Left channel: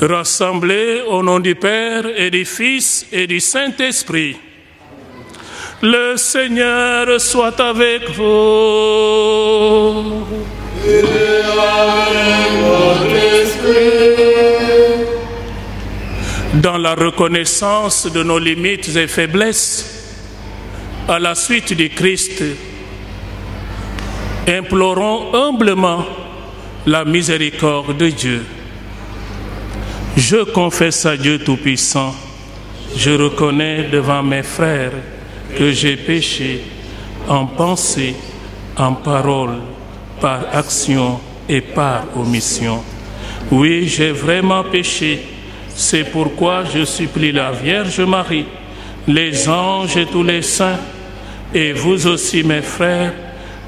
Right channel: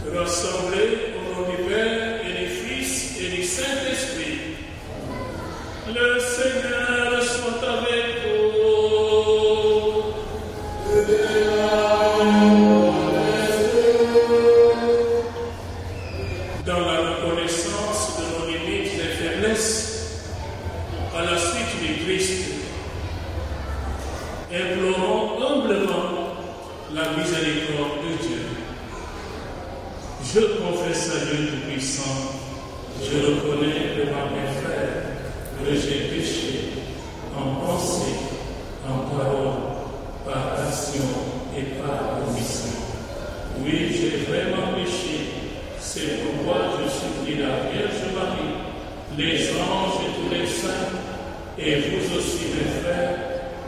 Rassemblés au nom du Père et du Fils et du Saint-Esprit, le Seigneur soit avec vous. Et avec votre esprit. Dans la reconnaissance de nos limites et faiblesses, à la suite du Christ, implorons humblement la miséricorde de Dieu. Je confesse à Dieu Tout-Puissant, je reconnais devant mes frères que j'ai péché en pensée, en parole, par action et par omission. Oui, j'ai vraiment péché. C'est pourquoi je supplie la Vierge Marie, les anges et tous les saints, et vous aussi mes frères,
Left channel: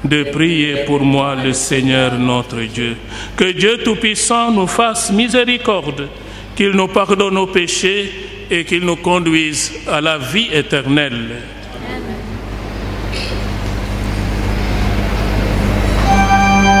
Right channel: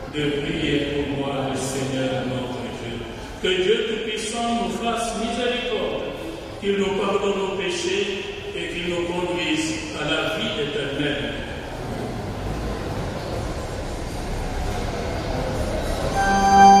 de prier pour moi le Seigneur notre Dieu. Que Dieu Tout-Puissant nous fasse miséricorde, qu'il nous pardonne nos péchés et qu'il nous conduise à la vie éternelle. Amen.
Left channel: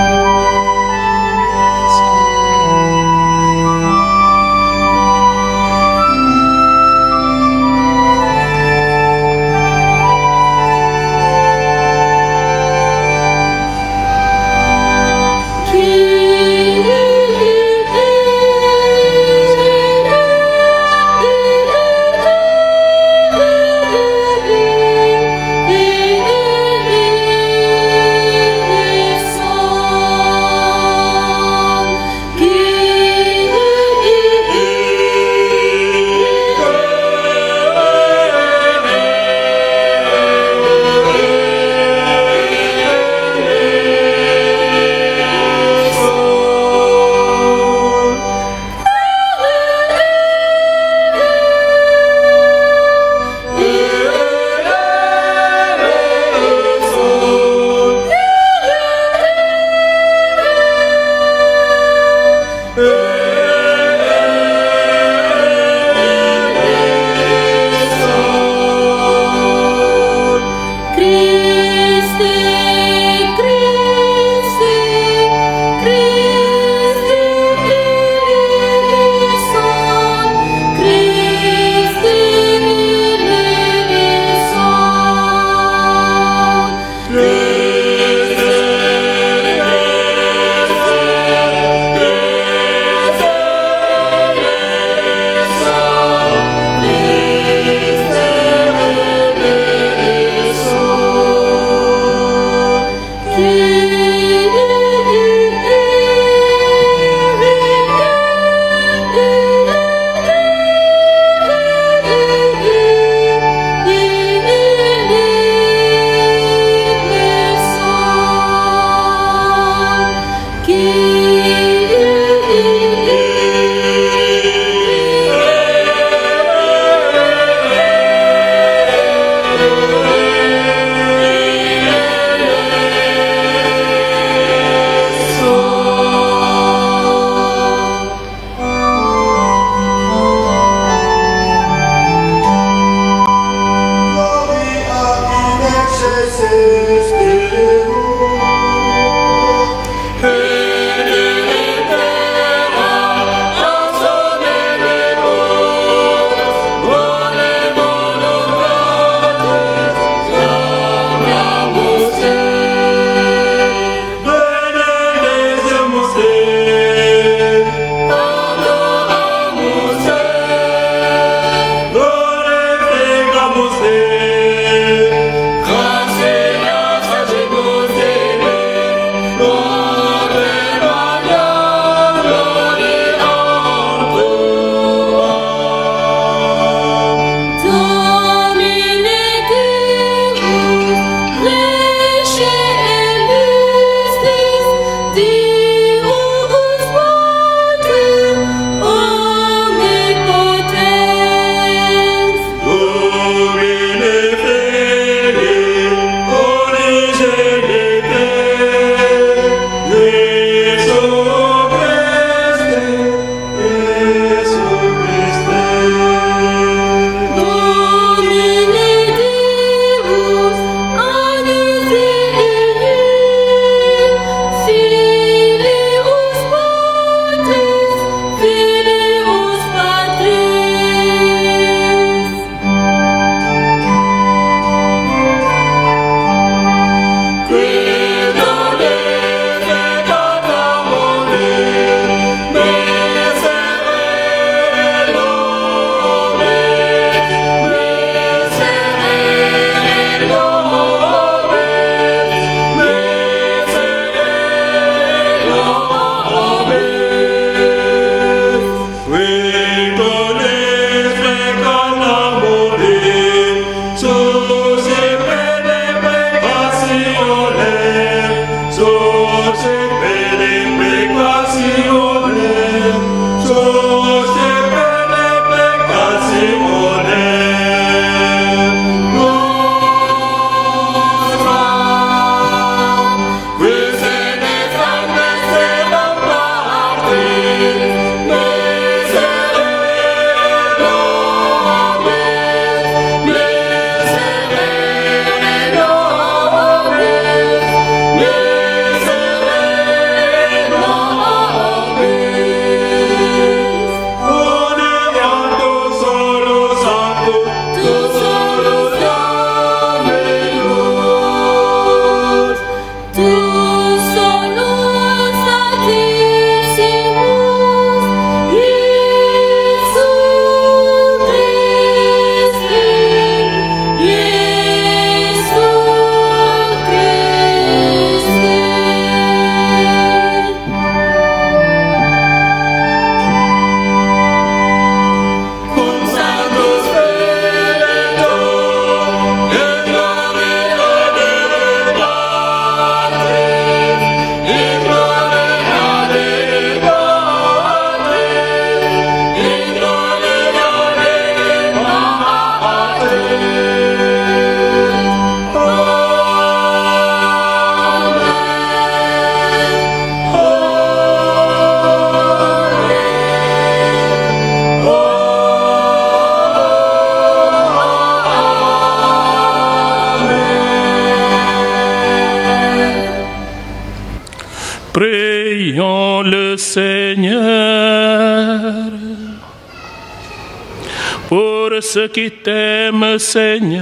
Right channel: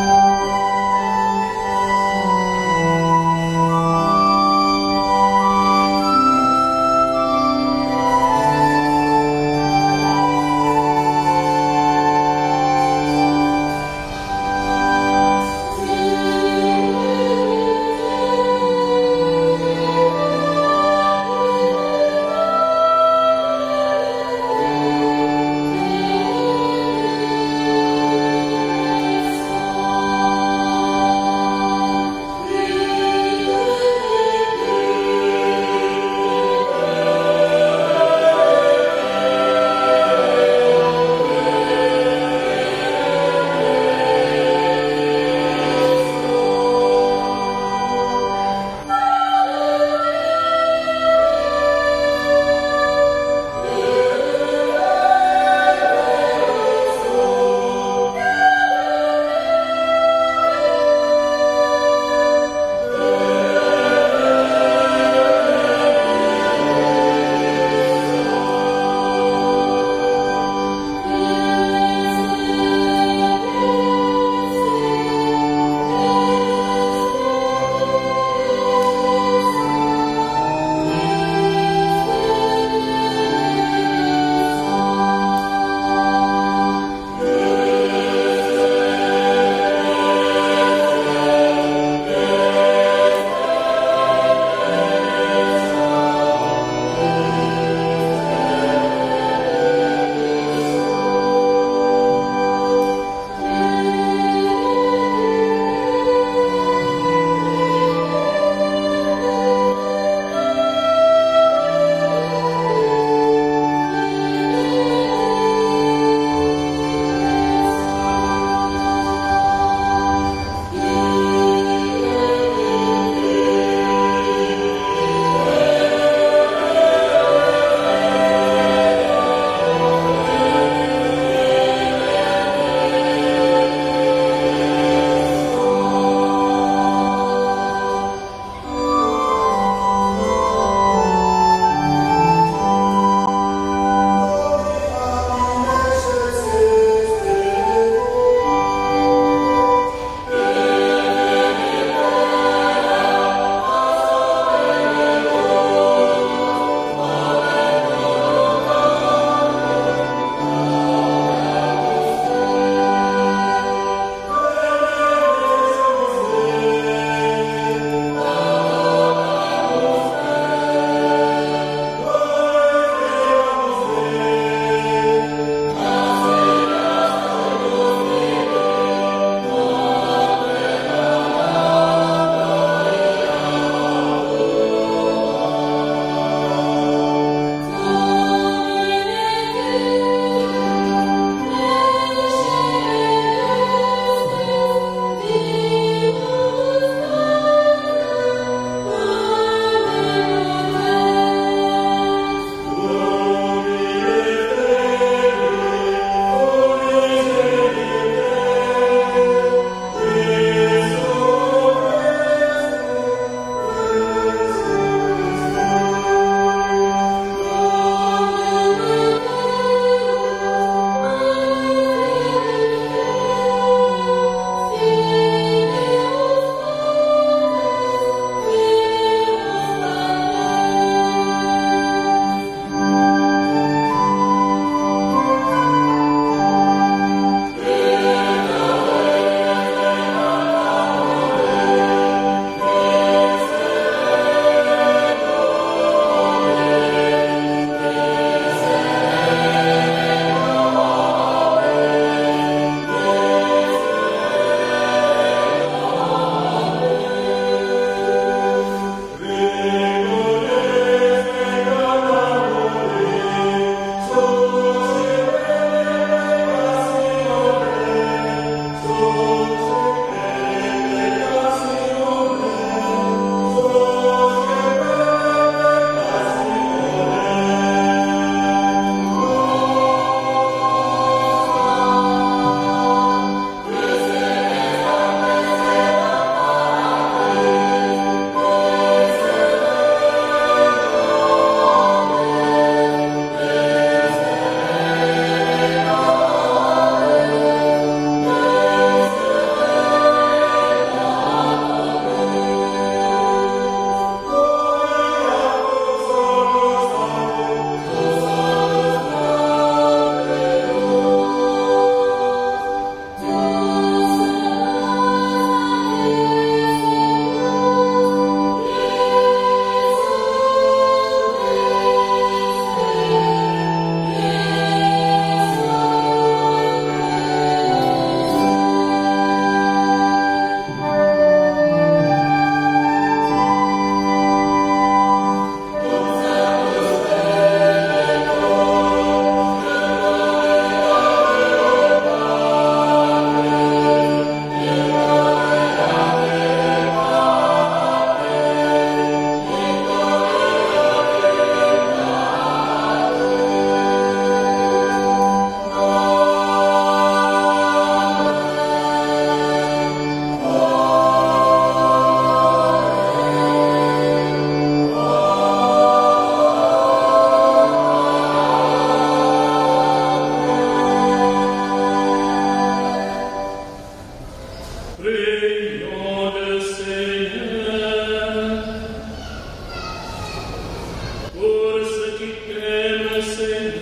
Pour ceux qui t'aiment, Seigneur,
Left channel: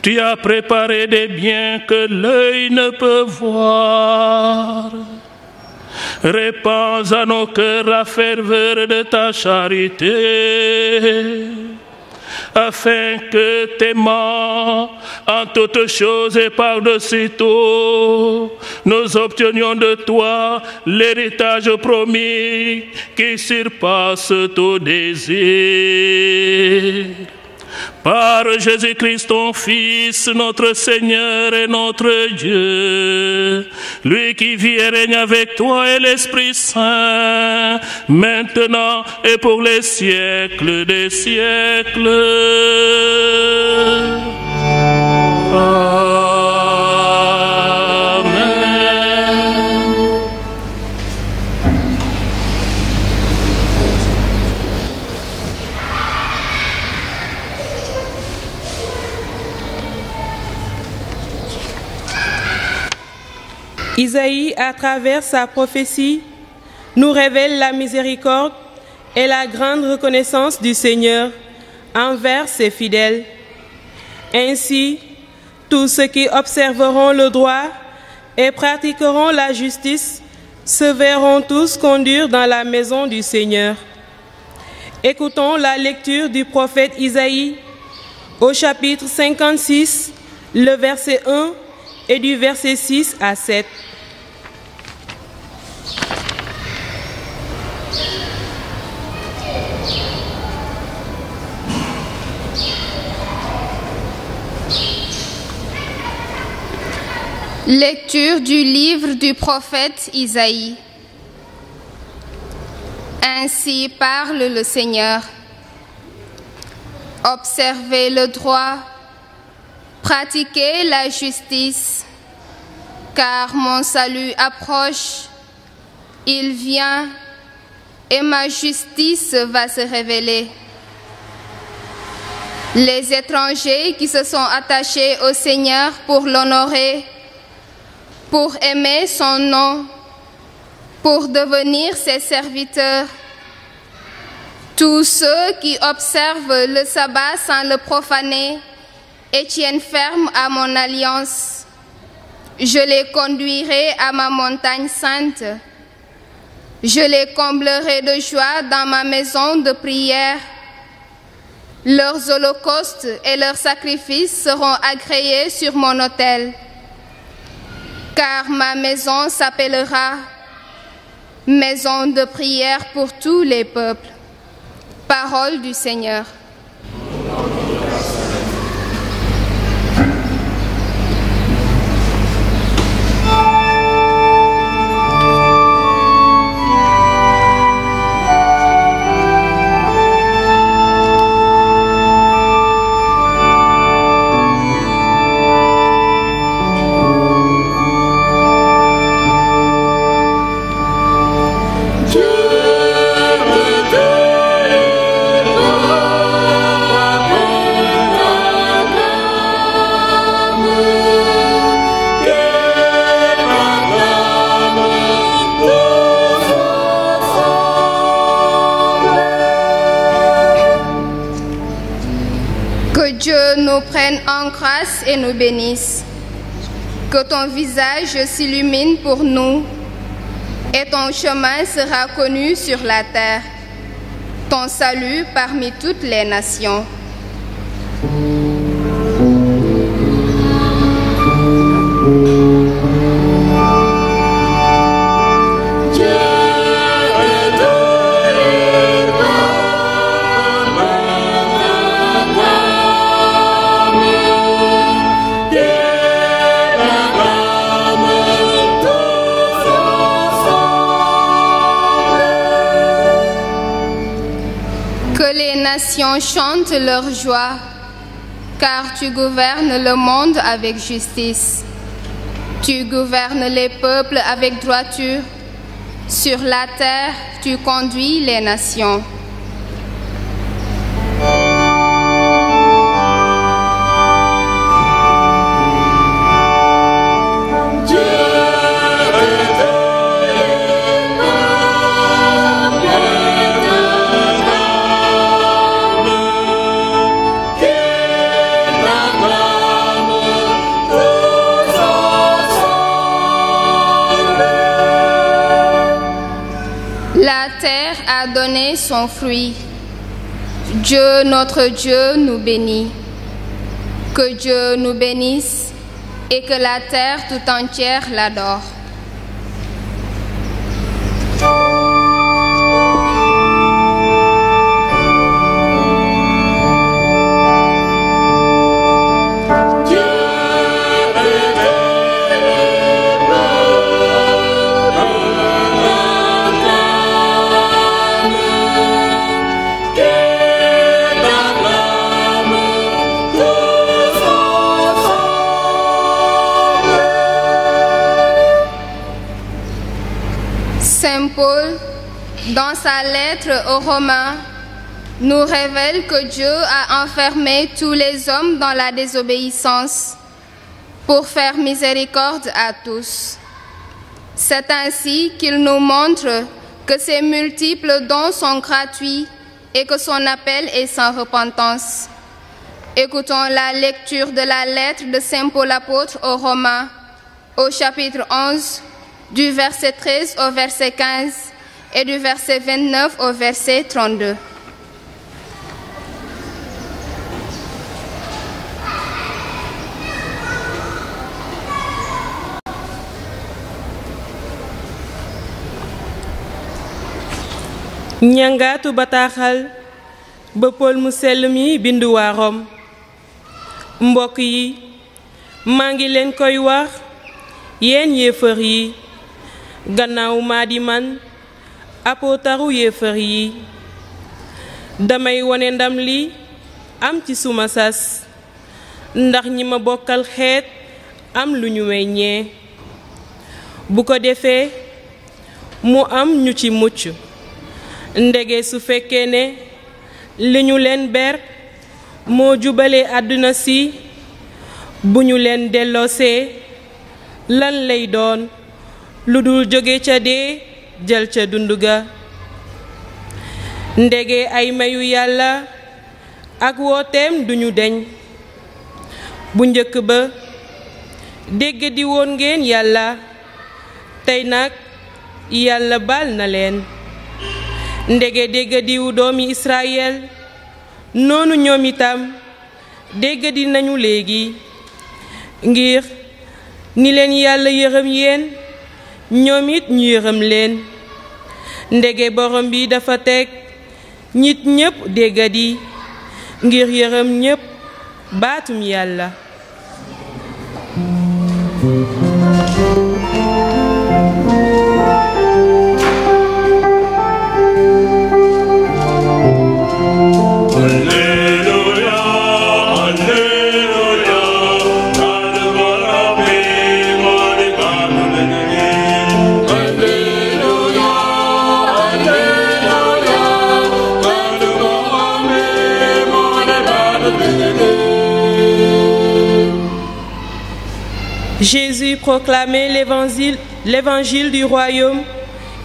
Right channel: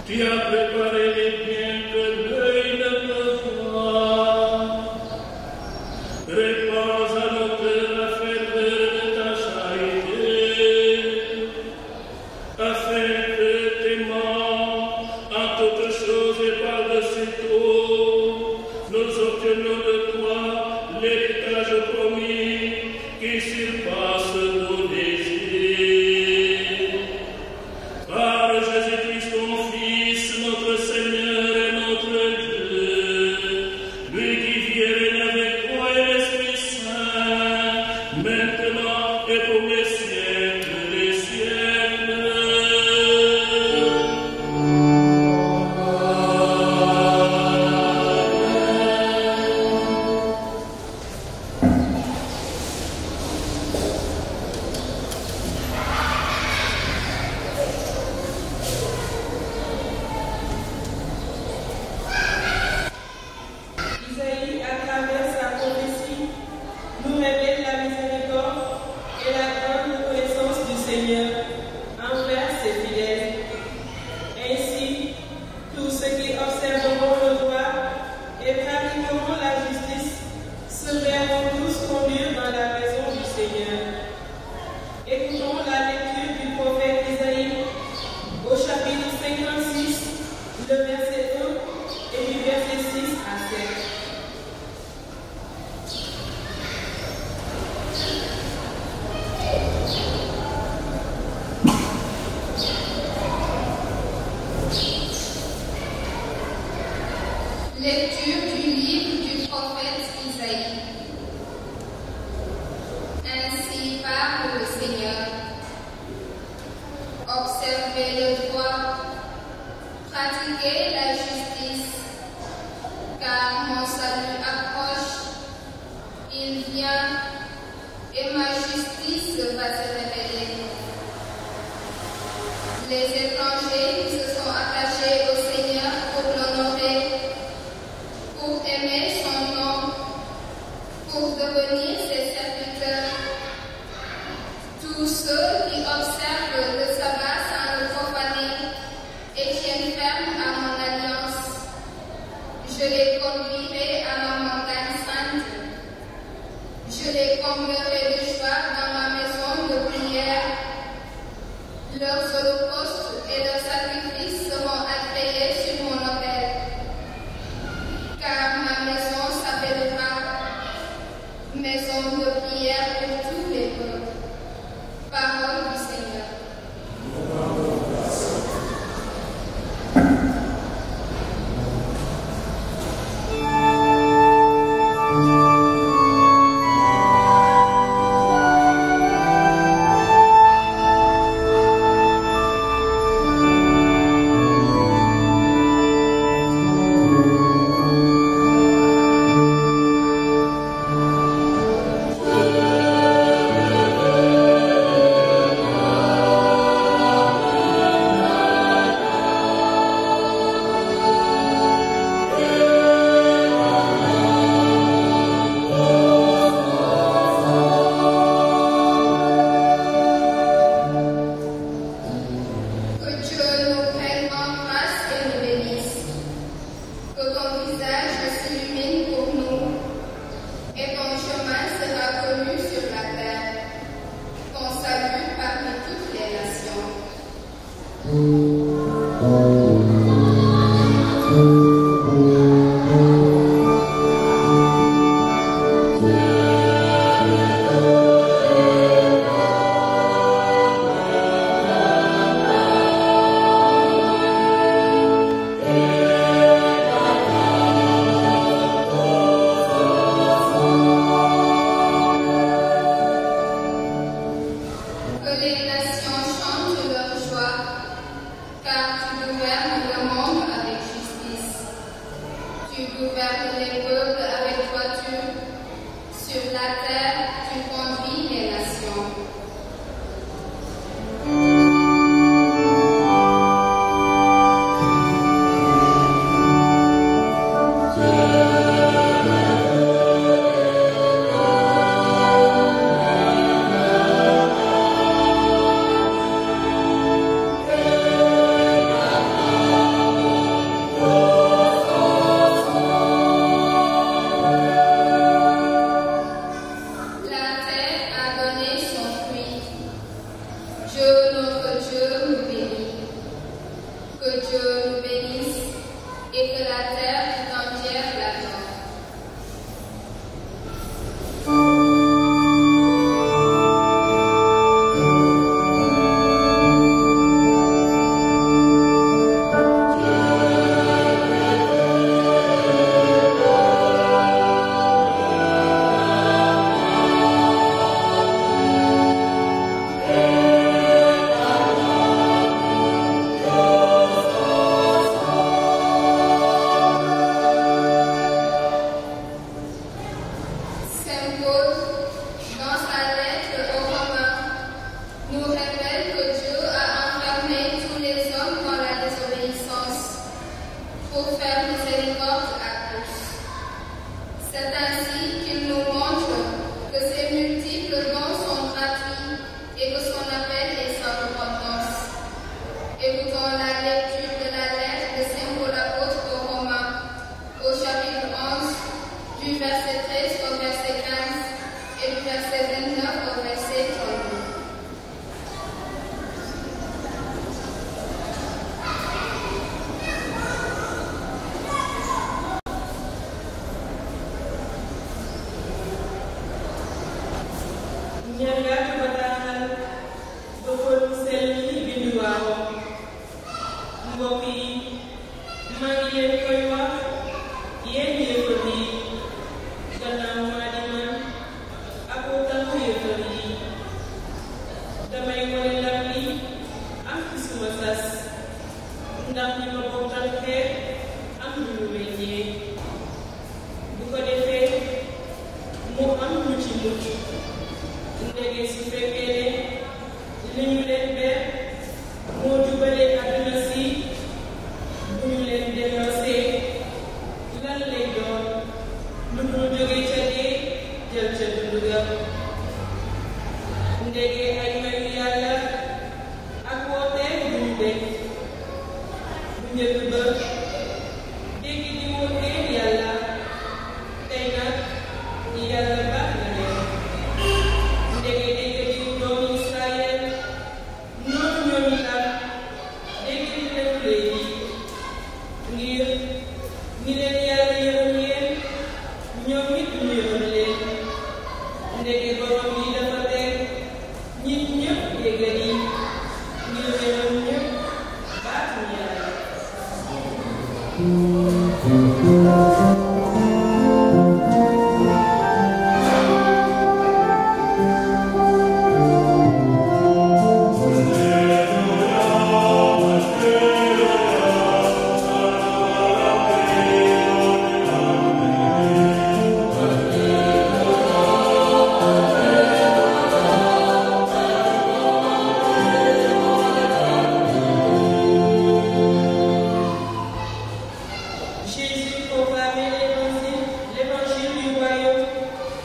tu as préparé des biens que l'œil ne peut voir. Répands à nos cœurs la ferveur de ta charité, afin que, t'aimant en toutes choses et par-dessus tout, nous obtenions de toi l'héritage promis qui surpasse tout désir. Par Jésus-Christ, ton Fils, notre Seigneur et notre Dieu, lui qui vit et règne avec toi et l'Esprit Saint, maintenant et pour les siècles des siècles. Isaïe, à travers sa prophétie, nous révèle la miséricorde et la grande reconnaissance du Seigneur envers ses fidèles. Ainsi, tous ceux qui observeront le droit et pratiqueront la justice se verront tous conduire dans la maison du Seigneur. Écoutons la lecture du prophète Isaïe au chapitre 56, le verset 1 et du verset 6 à 7. Lecture du livre du prophète Isaïe. Ainsi parle le Seigneur. Observez le droit, pratiquez la justice, car mon salut approche, il vient et ma justice va se révéler. Les étrangers qui se sont attachés au Seigneur pour l'honorer, pour aimer son nom, pour devenir ses serviteurs, tous ceux qui observent le sabbat sans le profaner et tiennent ferme à mon alliance, je les conduirai à ma montagne sainte. Je les comblerai de joie dans ma maison de prière. Leurs holocaustes et leurs sacrifices seront agréés sur mon autel. Car ma maison s'appellera maison de prière pour tous les peuples. Parole du Seigneur. Et nous bénisse. Que ton visage s'illumine pour nous et ton chemin sera connu sur la terre, ton salut parmi toutes les nations. Chante leur joie, car tu gouvernes le monde avec justice. Tu gouvernes les peuples avec droiture. Sur la terre, tu conduis les nations. La terre a donné son fruit. Dieu, notre Dieu, nous bénit. Que Dieu nous bénisse et que la terre tout entière l'adore. Saint Paul, dans sa lettre aux Romains, nous révèle que Dieu a enfermé tous les hommes dans la désobéissance pour faire miséricorde à tous. C'est ainsi qu'il nous montre que ses multiples dons sont gratuits et que son appel est sans repentance. Écoutons la lecture de la lettre de Saint Paul apôtre aux Romains, au chapitre 11, du verset 13 au verset 15 et du verset 29 au verset 32. ñangaatu bataaxal ba Paul mu sell mi bindu waa Rom. Mbokk yi, maa ngi leen koy wax yéen yéefar yi, gannaaw maa di man apootaru yéefar yi, damay wone ndam li am ci suma sas, ndax ñi ma bokkal xeet am lu ñu weññee, bu ko defee mu am ñu ci mucc. Ndege su fekkee ne li ñu leen ber moo jubale àdduna si, bu ñu leen delloosee lan lay doon lu dul jóge ca dee jël ca dund ga. Ndege ay mayu yàlla ak wooteem duñu deñ. Bu njëkk ba dégg di woon ngeen yàlla, tey nag yàlla baal na leen. Ndege dégg diwu doomi Israël, noonu ñoom itam dégg di nañu léegi, ngir ni leen yàlla yërëm yéen ñoom it ñu yërëm leen. Ndege borom bi dafa teg nit ñépp dégg di ngir yërëm ñépp baatum yàlla. Jésus proclamait l'évangile du royaume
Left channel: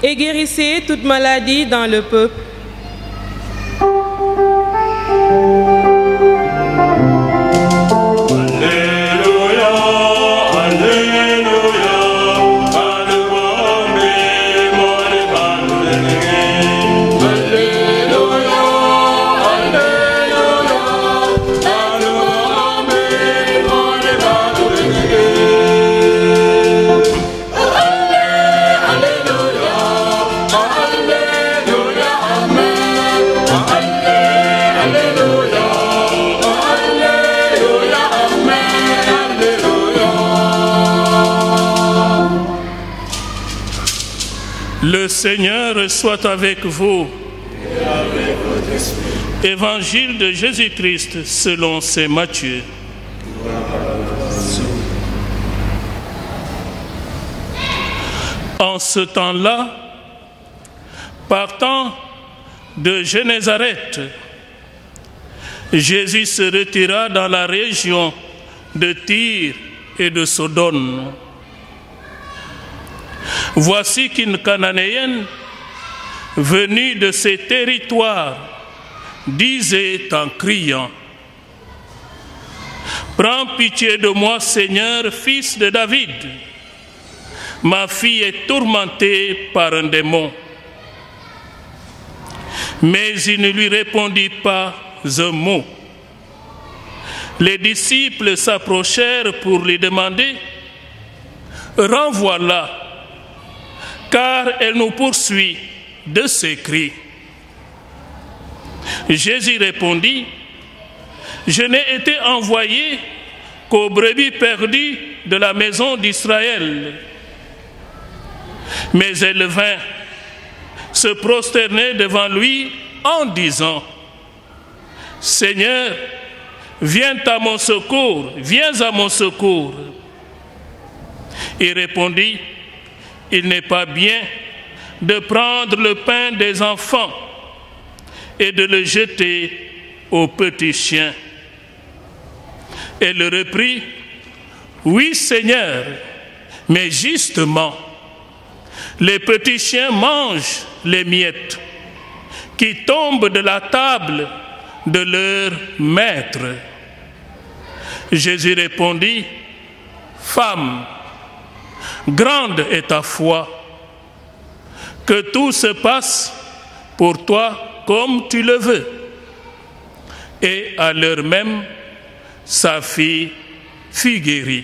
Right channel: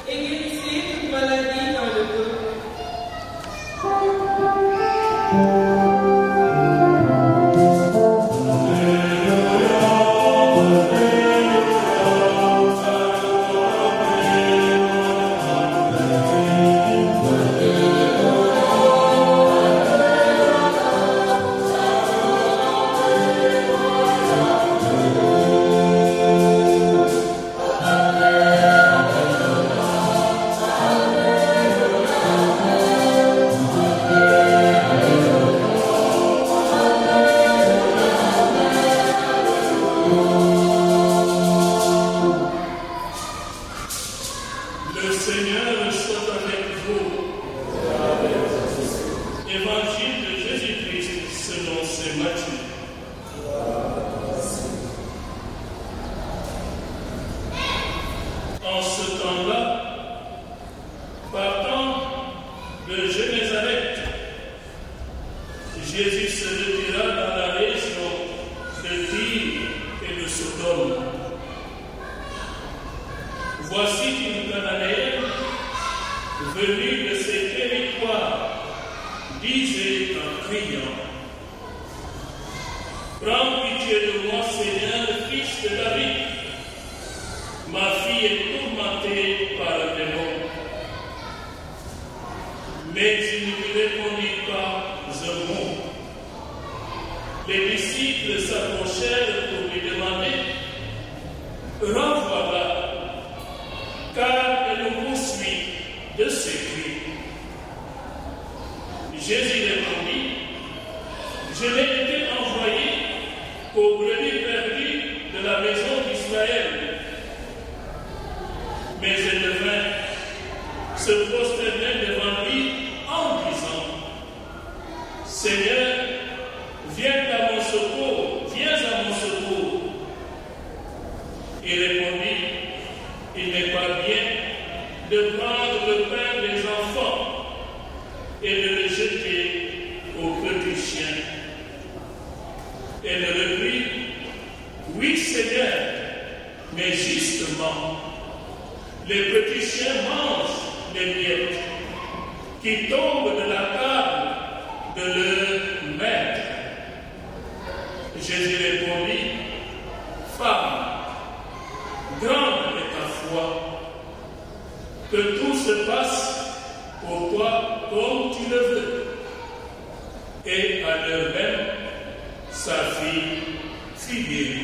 et guérissait toute maladie dans le peuple. Le Seigneur soit avec vous. Évangile de Jésus-Christ selon saint Matthieu. En ce temps-là, partant de Génézareth, Jésus se retira dans la région de Tyr et de Sodome. Voici qu'une Cananéenne venue de ces territoires disait en criant: Prends pitié de moi, Seigneur, fils de David. Ma fille est tourmentée par un démon. Mais il ne lui répondit pas un mot. Les disciples s'approchèrent pour lui demander « Renvoie-la, car elle nous poursuit de ses cris. » Jésus répondit « Je n'ai été envoyé qu'aux brebis perdues de la maison d'Israël. » Mais elle vint se prosterner devant lui en disant « Seigneur, viens à mon secours, viens à mon secours. » Il répondit « Il n'est pas bien de prendre le pain des enfants et de le jeter aux petits chiens. » Elle reprit « Oui, Seigneur, mais justement, les petits chiens mangent les miettes qui tombent de la table de leur maître. » Jésus répondit « Femme, grande est ta foi, que tout se passe pour toi comme tu le veux. » Et à l'heure même, sa fille fut guérie.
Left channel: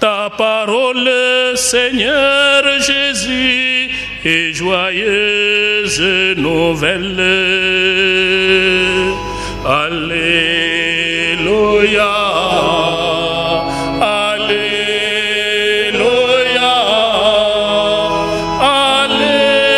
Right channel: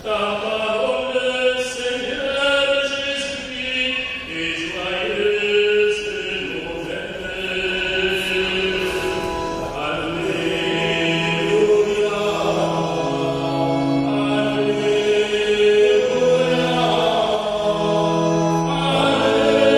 Ta parole, Seigneur Jésus, est joyeuse nouvelle. Alléluia. Alléluia. Alléluia.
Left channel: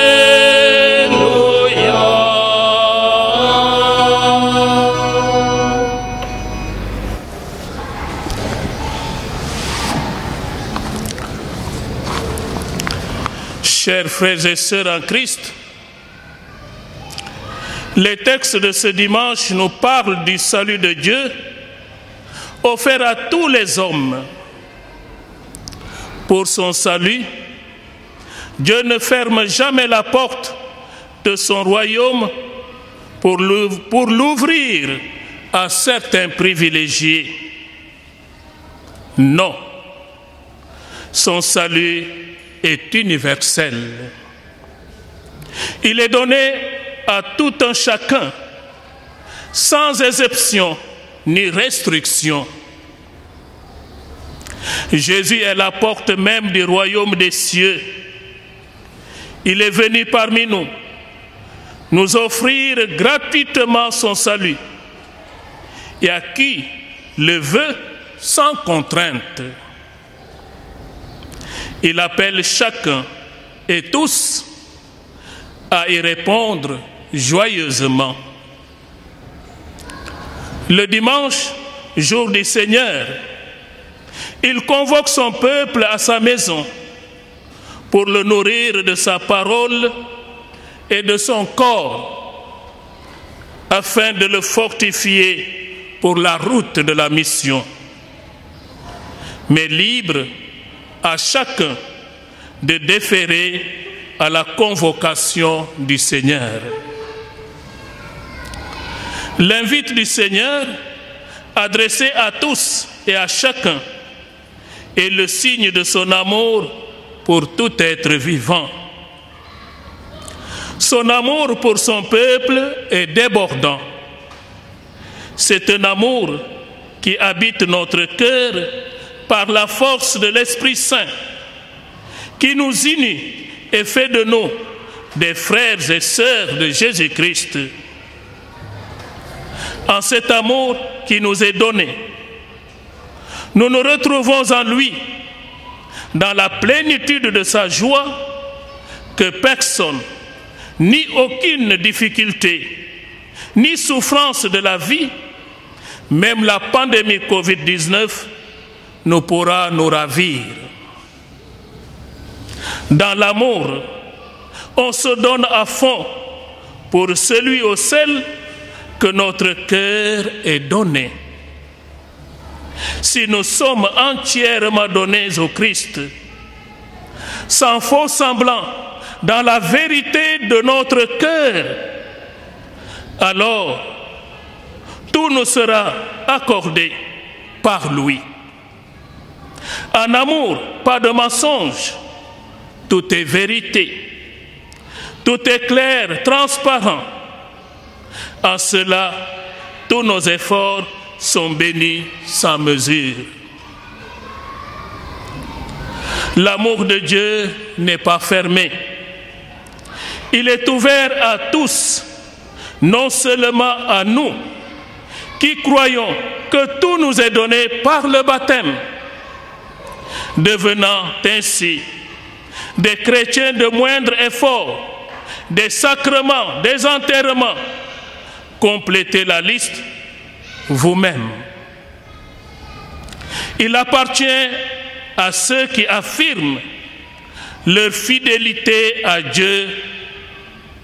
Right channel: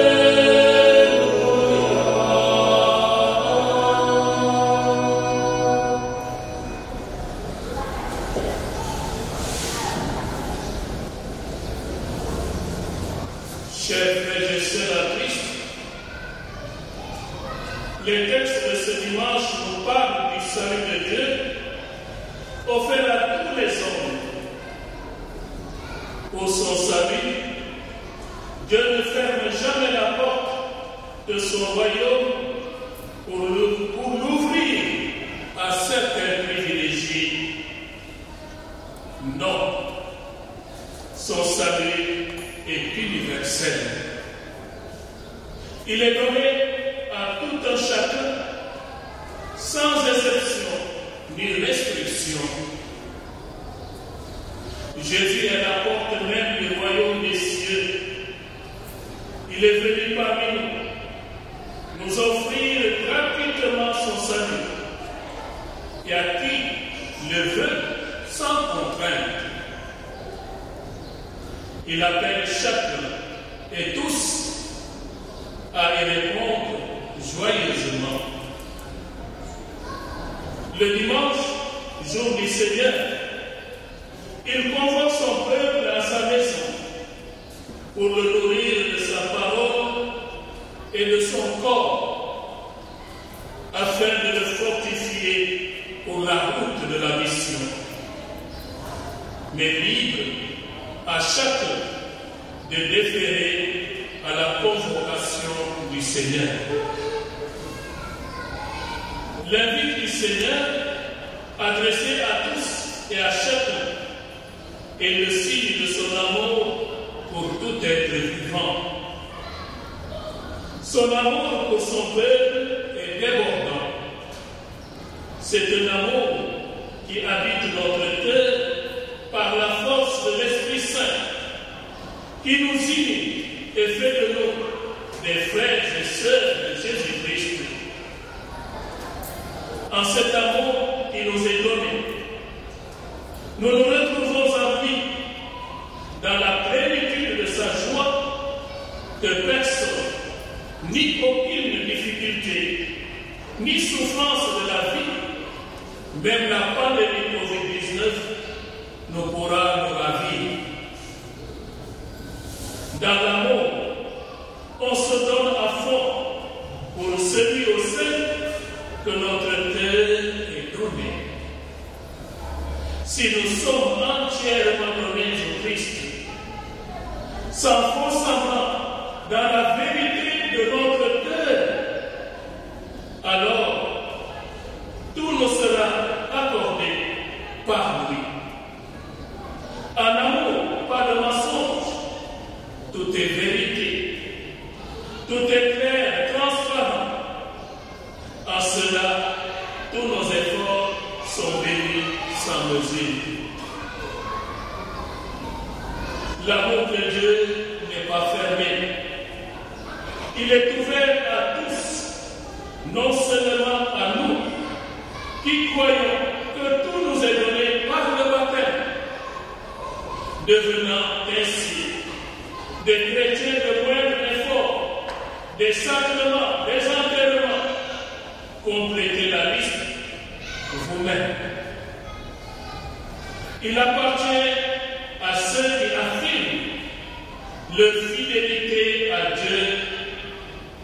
Chers frères et sœurs en Christ, les textes de ce dimanche nous parlent du salut de Dieu offert à tous les hommes. Pour son salut, Dieu ne ferme jamais la porte de son royaume pour l'ouvrir à certains privilégiés. Non, son salut est universel. Il est donné à tout un chacun, sans exception ni restriction. Jésus est la porte même du royaume des cieux. Il est venu parmi nous, nous offrir gratuitement son salut, et à qui le veut sans contrainte. Il appelle chacun et tous à y répondre joyeusement. Le dimanche, jour du Seigneur, il convoque son peuple à sa maison pour le nourrir de sa parole et de son corps, afin de le fortifier pour la route de la mission. Mais libre à chacun de déférer à la convocation du Seigneur. L'invite du Seigneur, adressé à tous et à chacun, est le signe de son amour pour tout être vivant. Son amour pour son peuple est débordant. C'est un amour qui habite notre cœur par la force de l'Esprit Saint, qui nous unit et fait de nous des frères et sœurs de Jésus-Christ. En cet amour qui nous est donné, nous nous retrouvons en lui, dans la plénitude de sa joie, que personne, ni aucune difficulté, ni souffrance de la vie, même la pandémie Covid-19, ne pourra nous ravir. Dans l'amour, on se donne à fond pour celui au seul que notre cœur est donné. Si nous sommes entièrement donnés au Christ, sans faux semblant, dans la vérité de notre cœur, alors tout nous sera accordé par lui. En amour, pas de mensonge, tout est vérité. Tout est clair, transparent. En cela, tous nos efforts sont bénis sans mesure. L'amour de Dieu n'est pas fermé. Il est ouvert à tous, non seulement à nous, qui croyons que tout nous est donné par le baptême, devenant ainsi des chrétiens de moindre effort, des sacrements, des enterrements. Complétez la liste vous-même. Il appartient à ceux qui affirment leur fidélité à Dieu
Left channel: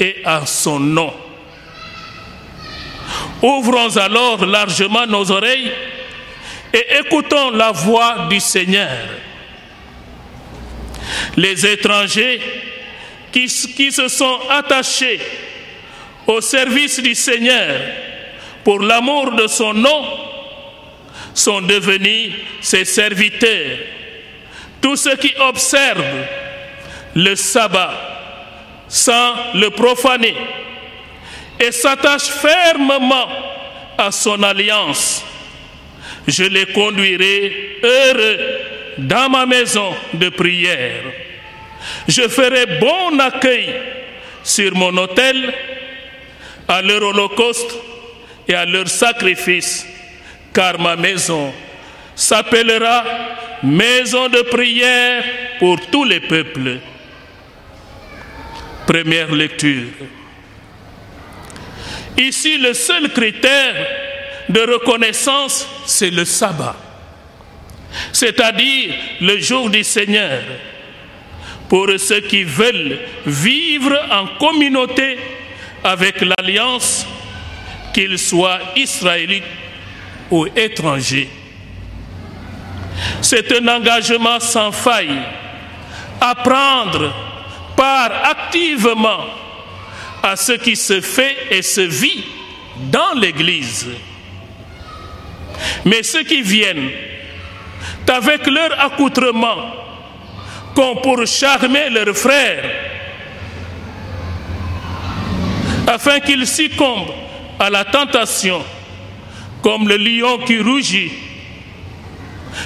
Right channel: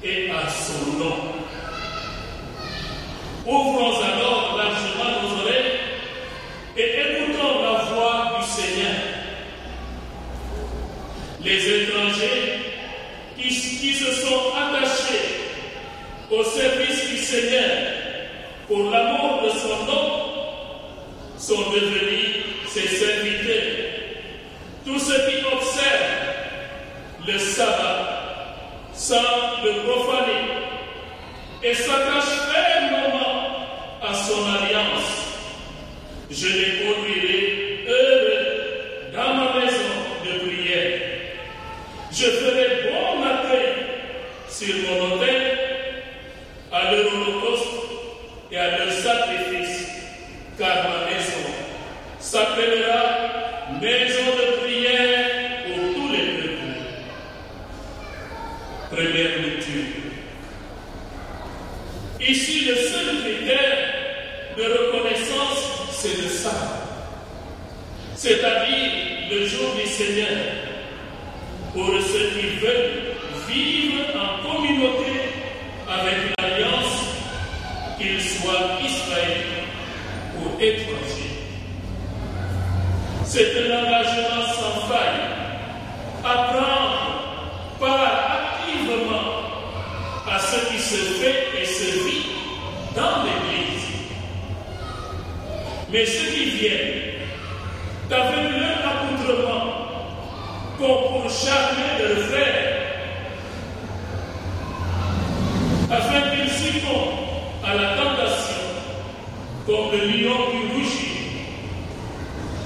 et à son nom. Ouvrons alors largement nos oreilles et écoutons la voix du Seigneur. Les étrangers qui se sont attachés au service du Seigneur pour l'amour de son nom sont devenus ses serviteurs. Tous ceux qui observent le sabbat sans le profaner et s'attachent fermement à son alliance, je les conduirai heureux dans ma maison de prière. Je ferai bon accueil sur mon autel à leur holocauste et à leur sacrifice, car ma maison s'appellera maison de prière pour tous les peuples. Première lecture. Ici, le seul critère de reconnaissance, c'est le sabbat, c'est-à-dire le jour du Seigneur, pour ceux qui veulent vivre en communauté avec l'alliance, qu'ils soient israélites ou étrangers. C'est un engagement sans faille à prendre part activement à ce qui se fait et se vit dans l'Église. Mais ceux qui viennent avec leur accoutrement comme pour charmer leurs frères, afin qu'ils succombent à la tentation comme le lion qui rugit,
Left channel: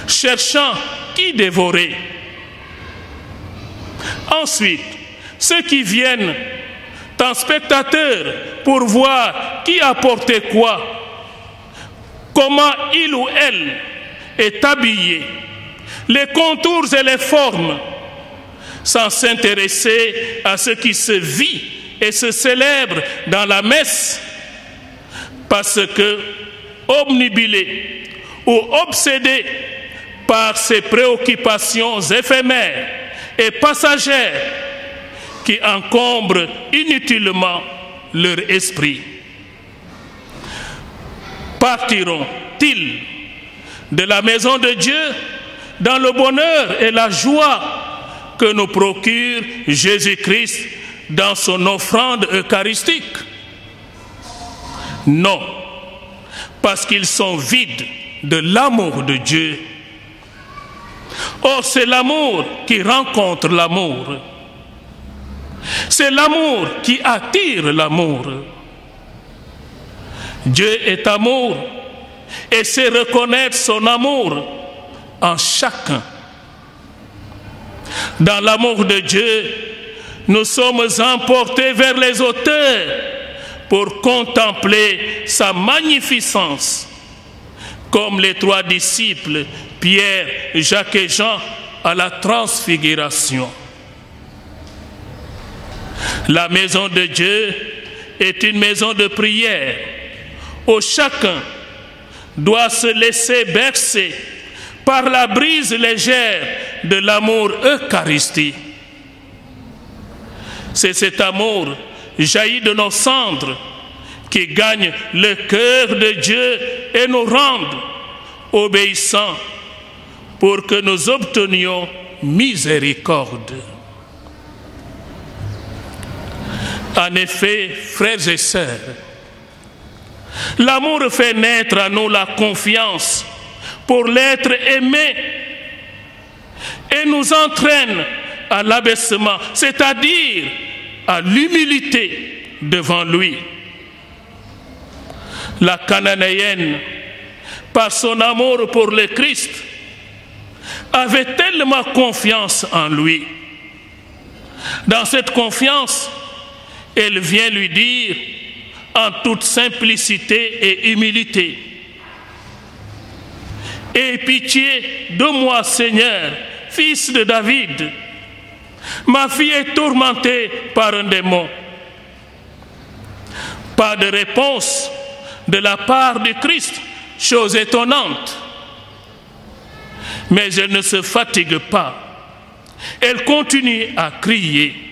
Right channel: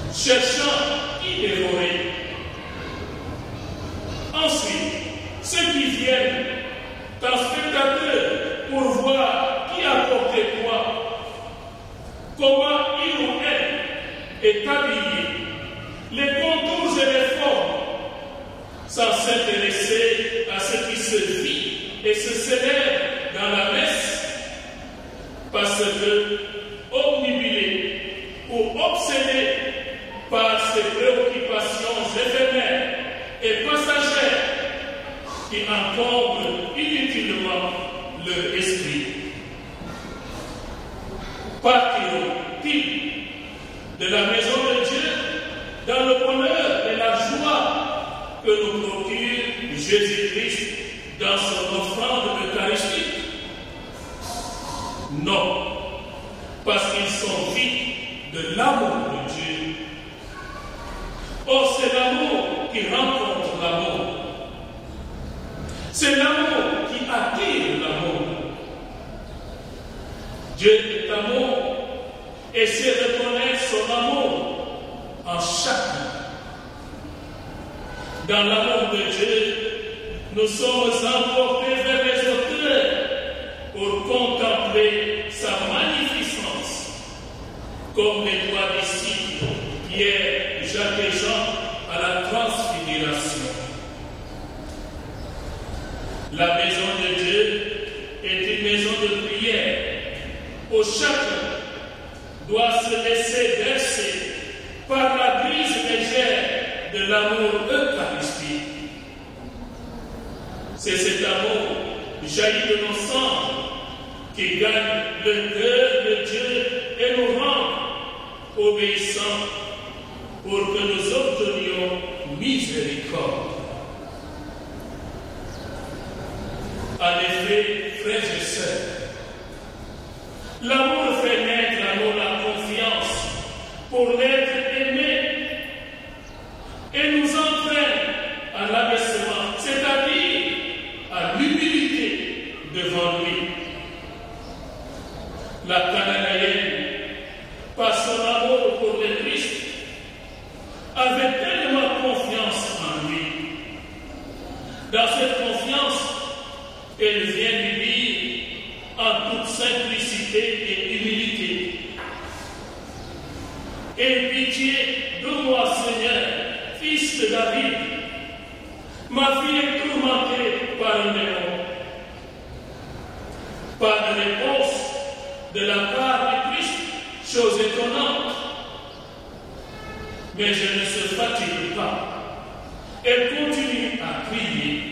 cherchant qui dévorer. Ensuite, ceux qui viennent en spectateurs pour voir qui a porté quoi, comment il ou elle est habillé, les contours et les formes, sans s'intéresser à ce qui se vit et se célèbre dans la messe, parce que, obnubilés ou obsédés par ces préoccupations éphémères et passagères qui encombrent inutilement leur esprit, partiront-ils de la maison de Dieu dans le bonheur et la joie que nous procure Jésus-Christ dans son offrande eucharistique? Non, parce qu'ils sont vides de l'amour de Dieu. Or, c'est l'amour qui rencontre l'amour. C'est l'amour qui attire l'amour. Dieu est amour et sait reconnaître son amour en chacun. Dans l'amour de Dieu, nous sommes emportés vers les auteurs pour contempler sa magnificence, comme les trois disciples, Pierre, Jacques et Jean, à la transfiguration. La maison de Dieu est une maison de prière où chacun doit se laisser bercer par la brise légère de l'amour eucharistique. C'est cet amour jailli de nos cendres qui gagne le cœur de Dieu et nous rend obéissants pour que nous obtenions miséricorde. En effet, frères et sœurs, l'amour fait naître à nous la confiance pour l'être aimé et nous entraîne à l'abaissement, c'est-à-dire à l'humilité devant lui. La Cananéenne, par son amour pour le Christ, avait tellement confiance en lui. Dans cette confiance, elle vient lui dire en toute simplicité et humilité: « Aie pitié de moi, Seigneur, fils de David. Ma fille est tourmentée par un démon. » Pas de réponse de la part du Christ, chose étonnante. Mais elle ne se fatigue pas. Elle continue à crier.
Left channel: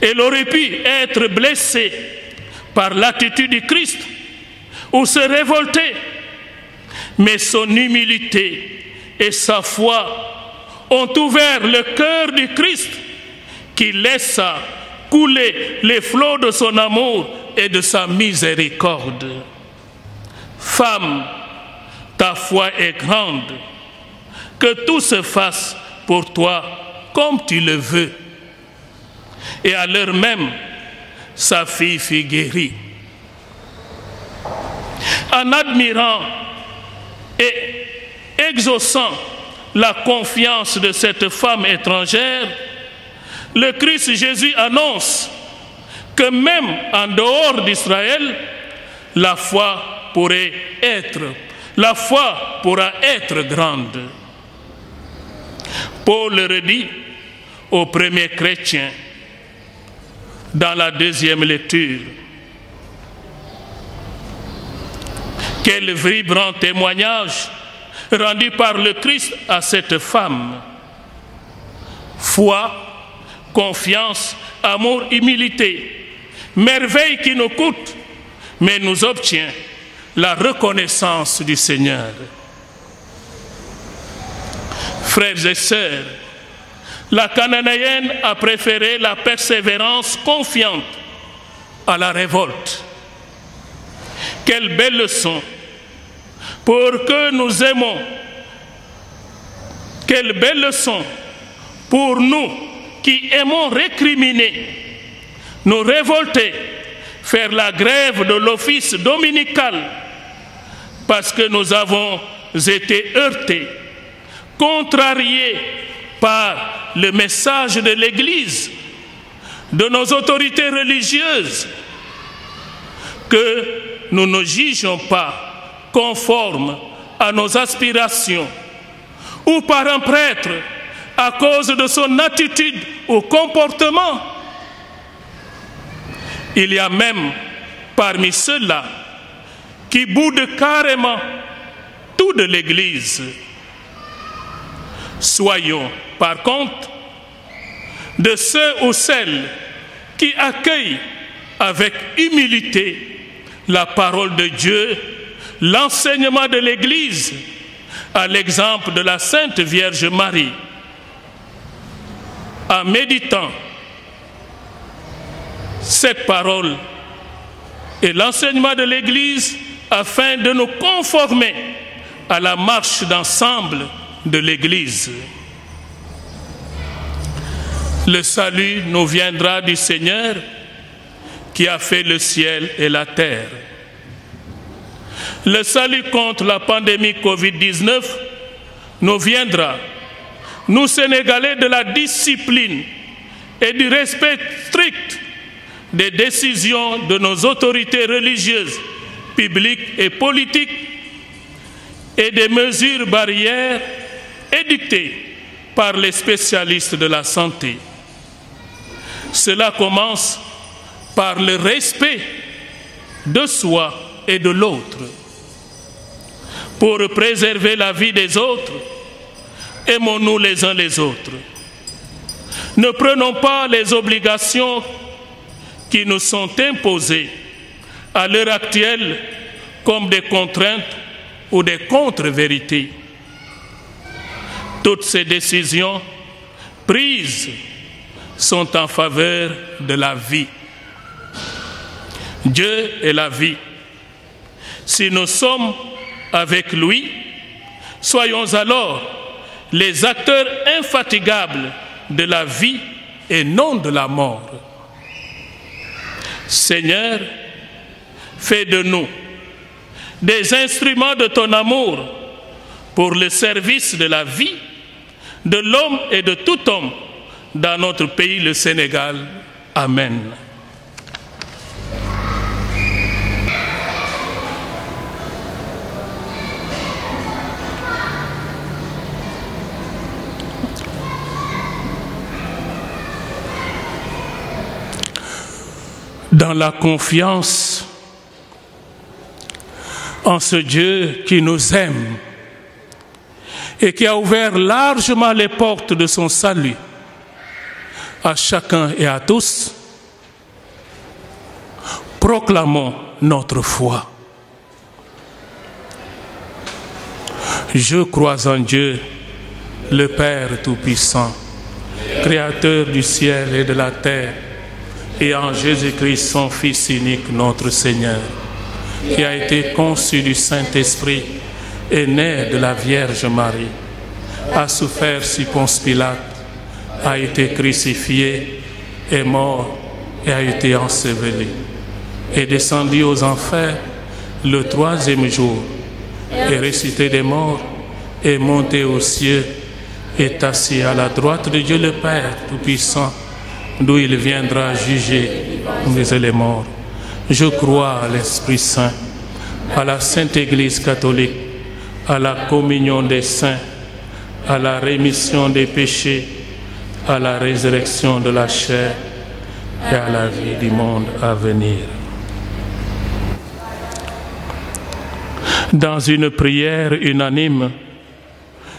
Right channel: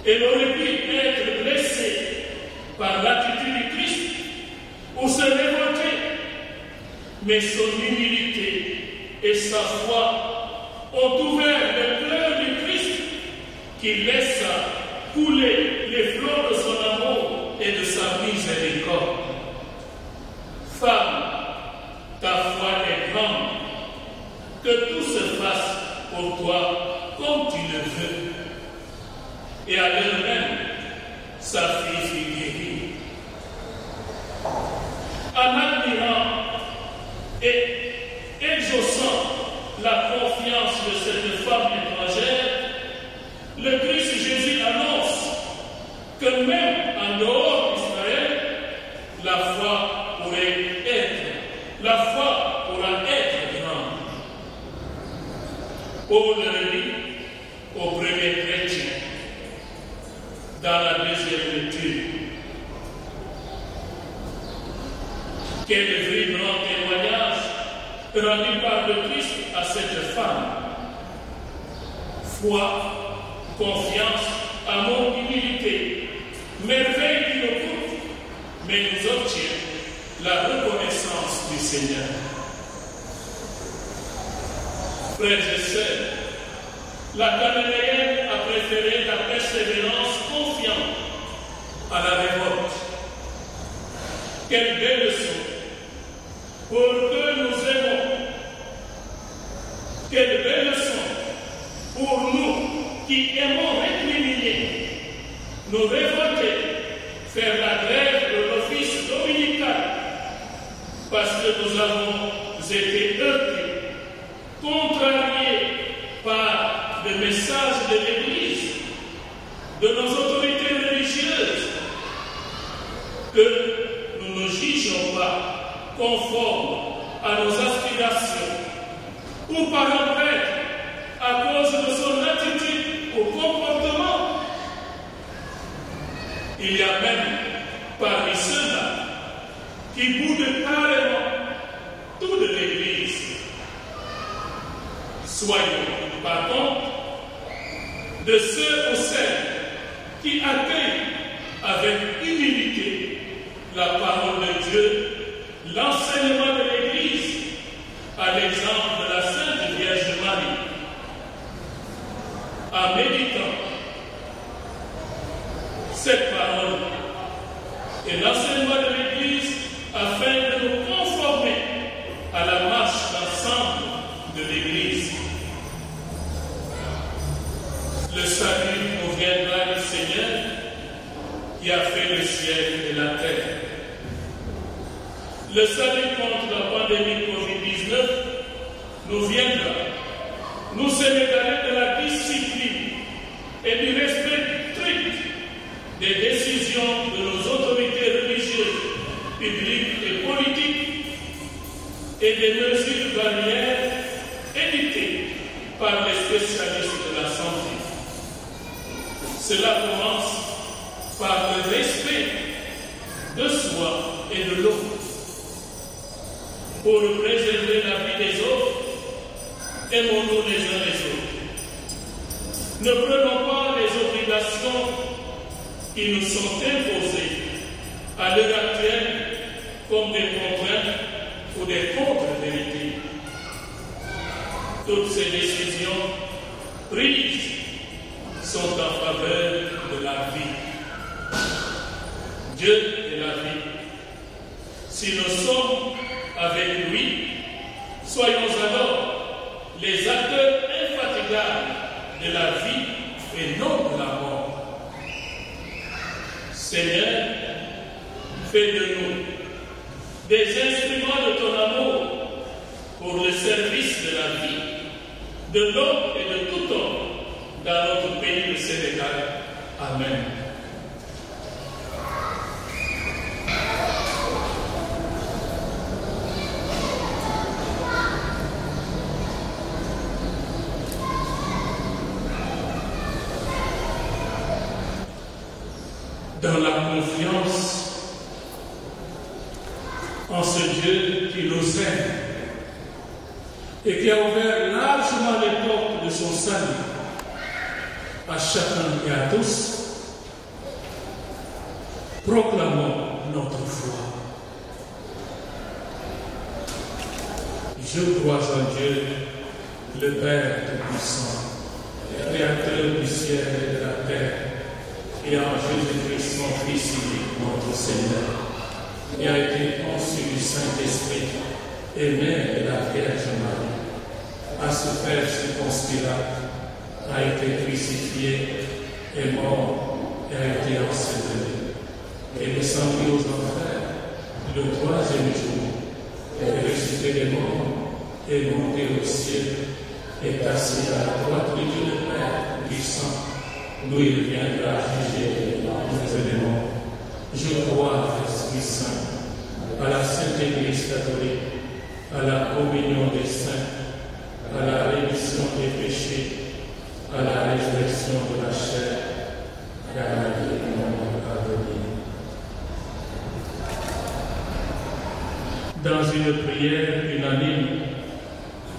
Elle aurait pu être blessée par l'attitude du Christ ou se révolter. Mais son humilité et sa foi ont ouvert le cœur du Christ qui laissa couler les flots de son amour et de sa miséricorde. Femme, ta foi est grande, que tout se fasse pour toi comme tu le veux. Et à l'heure même, sa fille fut guérie. En admirant et exaucant la confiance de cette femme étrangère, le Christ Jésus annonce que même en dehors d'Israël, la foi pourra être grande. Paul le redit aux premiers chrétiens dans la deuxième lecture. Quel vibrant témoignage rendu par le Christ à cette femme. Foi, confiance, amour, humilité, merveille qui nous coûte, mais nous obtient la reconnaissance du Seigneur. Frères et sœurs, la Cananéenne a préféré la persévérance confiante à la révolte. Quelle belle leçon pour que nous aimons. Quelle belle leçon pour nous qui aimons récriminer, nous révolter, faire la grève de l'office dominical parce que nous avons été heurtés, contrariés par le message de l'Église, de nos autorités religieuses, que nous ne jugeons pas conformes à nos aspirations, ou par un prêtre à cause de son attitude ou comportement. Il y a même parmi ceux-là qui boudent carrément tout de l'Église. Soyons, par contre, de ceux ou celles qui accueillent avec humilité la parole de Dieu, l'enseignement de l'Église, à l'exemple de la Sainte Vierge Marie, en méditant cette parole et l'enseignement de l'Église afin de nous conformer à la marche d'ensemble de l'Église. Le salut nous viendra du Seigneur qui a fait le ciel et la terre. Le salut contre la pandémie Covid-19 nous viendra, nous Sénégalais, de la discipline et du respect strict des décisions de nos autorités religieuses, publiques et politiques et des mesures barrières édictées par les spécialistes de la santé. Cela commence par le respect de soi et de l'autre. Pour préserver la vie des autres, aimons-nous les uns les autres. Ne prenons pas les obligations qui nous sont imposées à l'heure actuelle comme des contraintes ou des contre-vérités. Toutes ces décisions prises sont en faveur de la vie. Dieu est la vie. Si nous sommes avec lui, soyons alors les acteurs infatigables de la vie et non de la mort. Seigneur, fais de nous des instruments de ton amour pour le service de la vie de l'homme et de tout homme dans notre pays, le Sénégal. Amen. Dans la confiance en ce Dieu qui nous aime et qui a ouvert largement les portes de son salut à chacun et à tous, proclamons notre foi. Je crois en Dieu, le Père Tout-Puissant, Créateur du ciel et de la terre, et en Jésus-Christ, son Fils unique, notre Seigneur, qui a été conçu du Saint-Esprit et né de la Vierge Marie, a souffert sous Ponce Pilate, a été crucifié, est mort et a été enseveli, est descendu aux enfers le 3e jour, est ressuscité des morts, est monté aux cieux, est assis à la droite de Dieu le Père Tout-Puissant, d'où il viendra juger les morts. Je crois à l'Esprit Saint, à la Sainte Église catholique, à la communion des saints, à la rémission des péchés, à la résurrection de la chair et à la vie du monde à venir. Dans une prière unanime,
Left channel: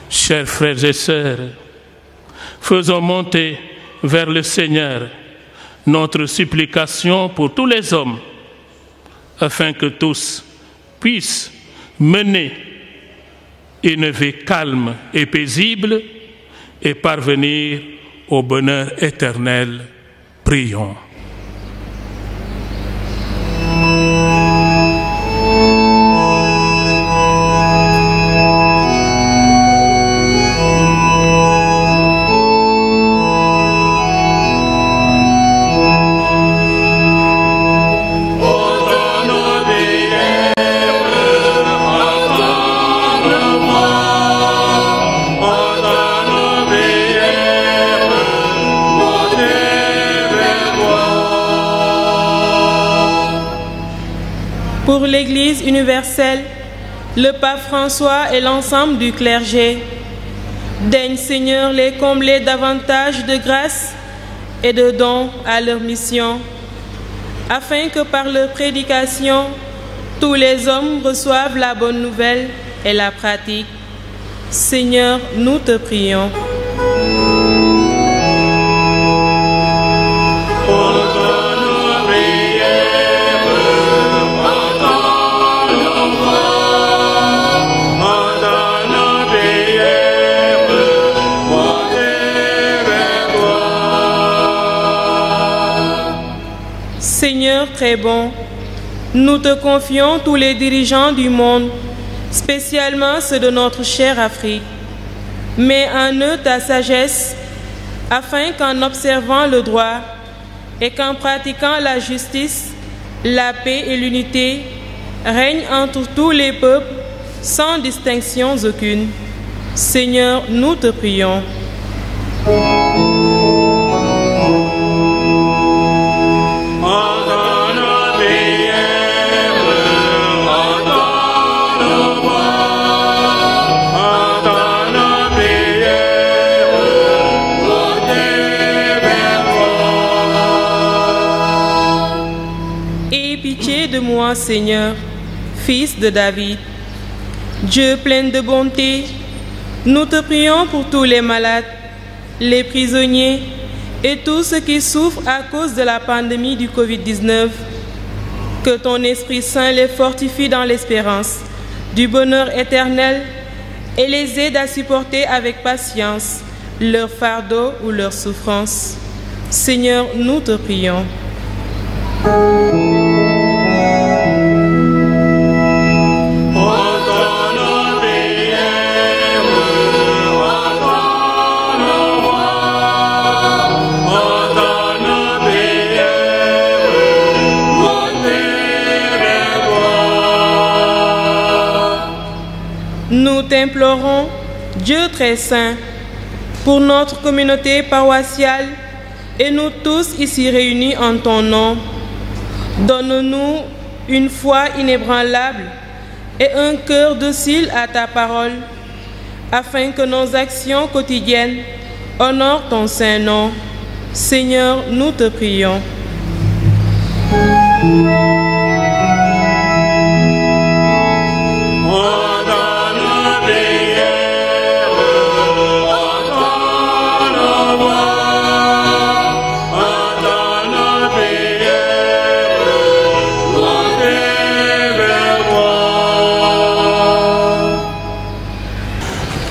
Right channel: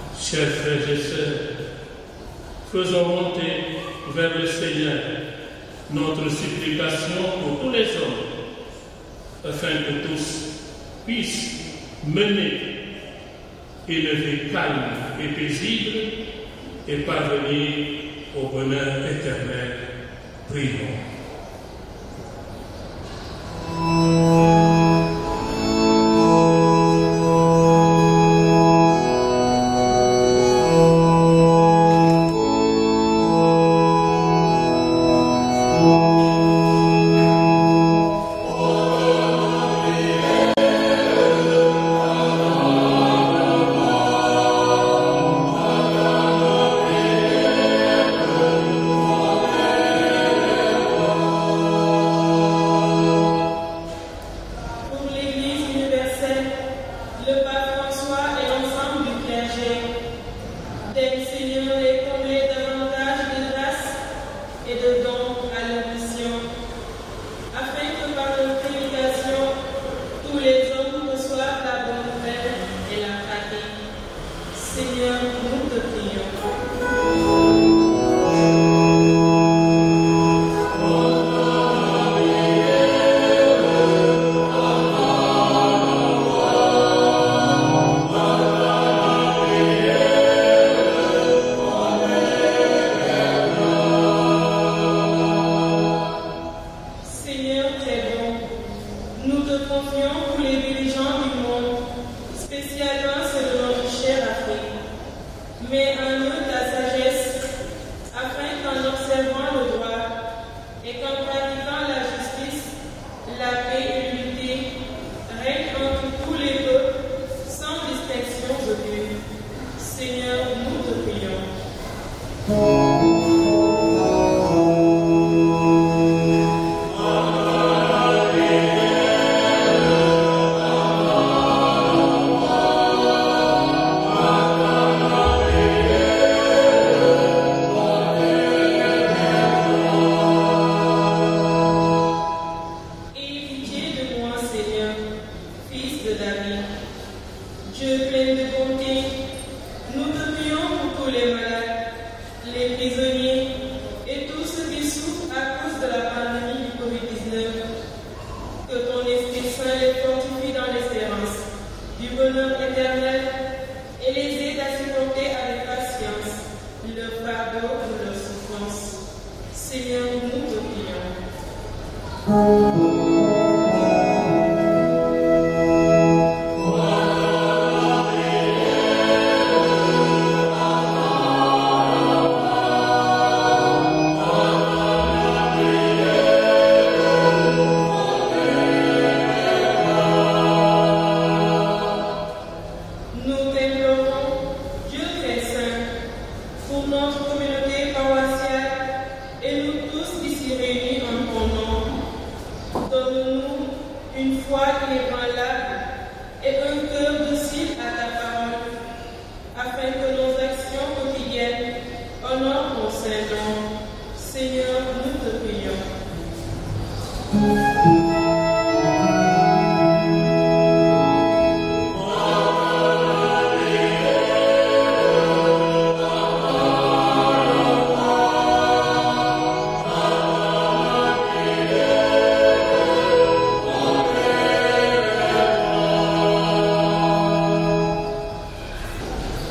chers frères et sœurs, faisons monter vers le Seigneur notre supplication pour tous les hommes, afin que tous puissent mener une vie calme et paisible et parvenir au bonheur éternel. Prions. Pour l'Église universelle, le pape François et l'ensemble du clergé, daigne Seigneur les combler davantage de grâce et de dons à leur mission, afin que par leur prédication, tous les hommes reçoivent la bonne nouvelle et la pratiquent. Seigneur, nous te prions. Seigneur très bon, nous te confions tous les dirigeants du monde, spécialement ceux de notre chère Afrique. Mets en eux ta sagesse, afin qu'en observant le droit et qu'en pratiquant la justice, la paix et l'unité règnent entre tous les peuples, sans distinction aucune. Seigneur, nous te prions. Seigneur, Fils de David. Dieu plein de bonté, nous te prions pour tous les malades, les prisonniers et tous ceux qui souffrent à cause de la pandémie du Covid-19. Que ton Esprit Saint les fortifie dans l'espérance du bonheur éternel et les aide à supporter avec patience leur fardeau ou leur souffrance. Seigneur, nous te prions. Oh Dieu très saint, pour notre communauté paroissiale et nous tous ici réunis en ton nom, donne-nous une foi inébranlable et un cœur docile à ta parole, afin que nos actions quotidiennes honorent ton saint nom. Seigneur, nous te prions.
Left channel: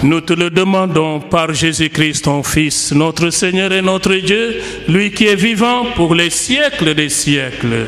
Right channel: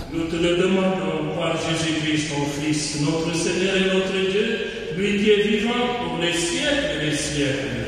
Nous te le demandons par Jésus-Christ, ton Fils, notre Seigneur et notre Dieu, lui qui est vivant pour les siècles des siècles.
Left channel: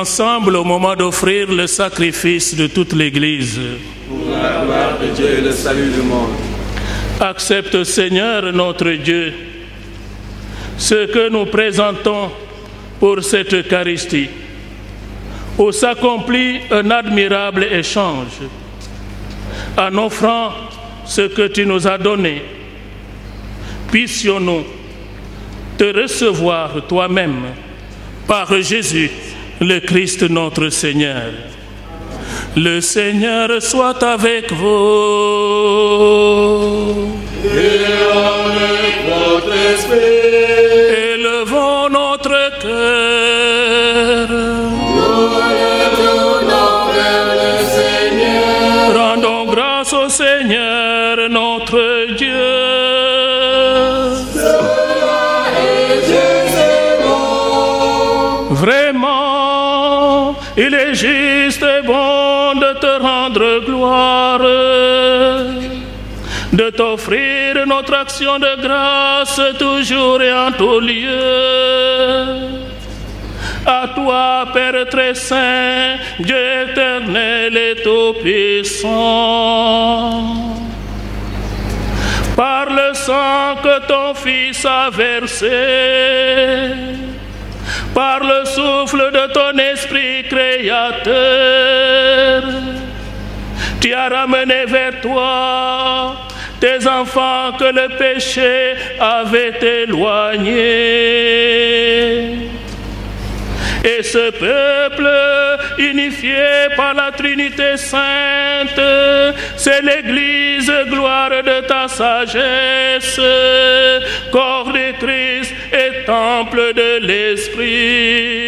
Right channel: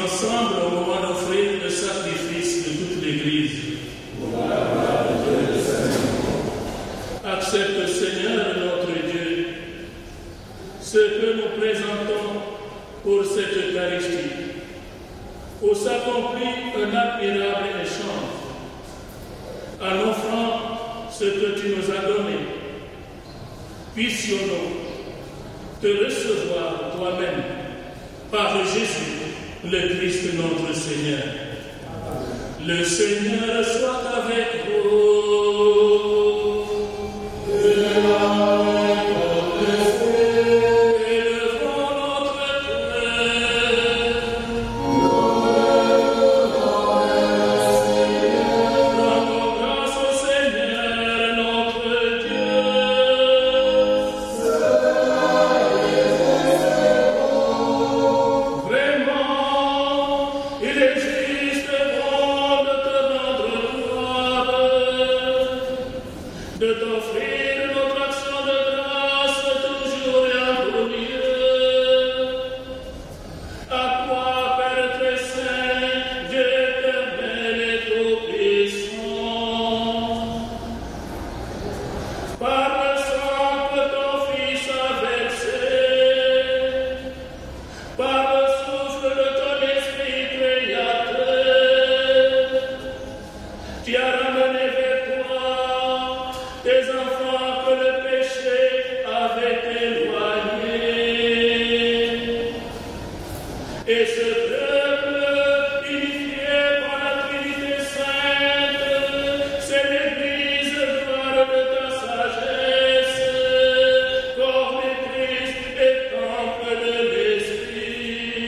Ensemble au moment d'offrir le sacrifice de toute l'Église. Pour la gloire de Dieu et le salut du monde. Accepte, Seigneur notre Dieu, ce que nous présentons pour cette Eucharistie, où s'accomplit un admirable échange, en offrant ce que tu nous as donné. Puissions-nous te recevoir toi-même par Jésus, le Christ notre Seigneur. Le Seigneur soit avec vous. Et avec votre esprit. Élevons notre cœur. Nous le tournons vers le Seigneur. Rendons grâce au Seigneur notre Dieu. Cela est juste et bon. Vraiment, il est juste et bon de te rendre gloire, de t'offrir notre action de grâce toujours et en tout lieu. À toi, Père très saint, Dieu éternel et tout-puissant, par le sang que ton Fils a versé, par le souffle de ton esprit créateur, tu as ramené vers toi tes enfants que le péché avait éloignés. Et ce peuple unifiée par la Trinité sainte. C'est l'Église, gloire de ta sagesse, corps de Christ et temple de l'Esprit.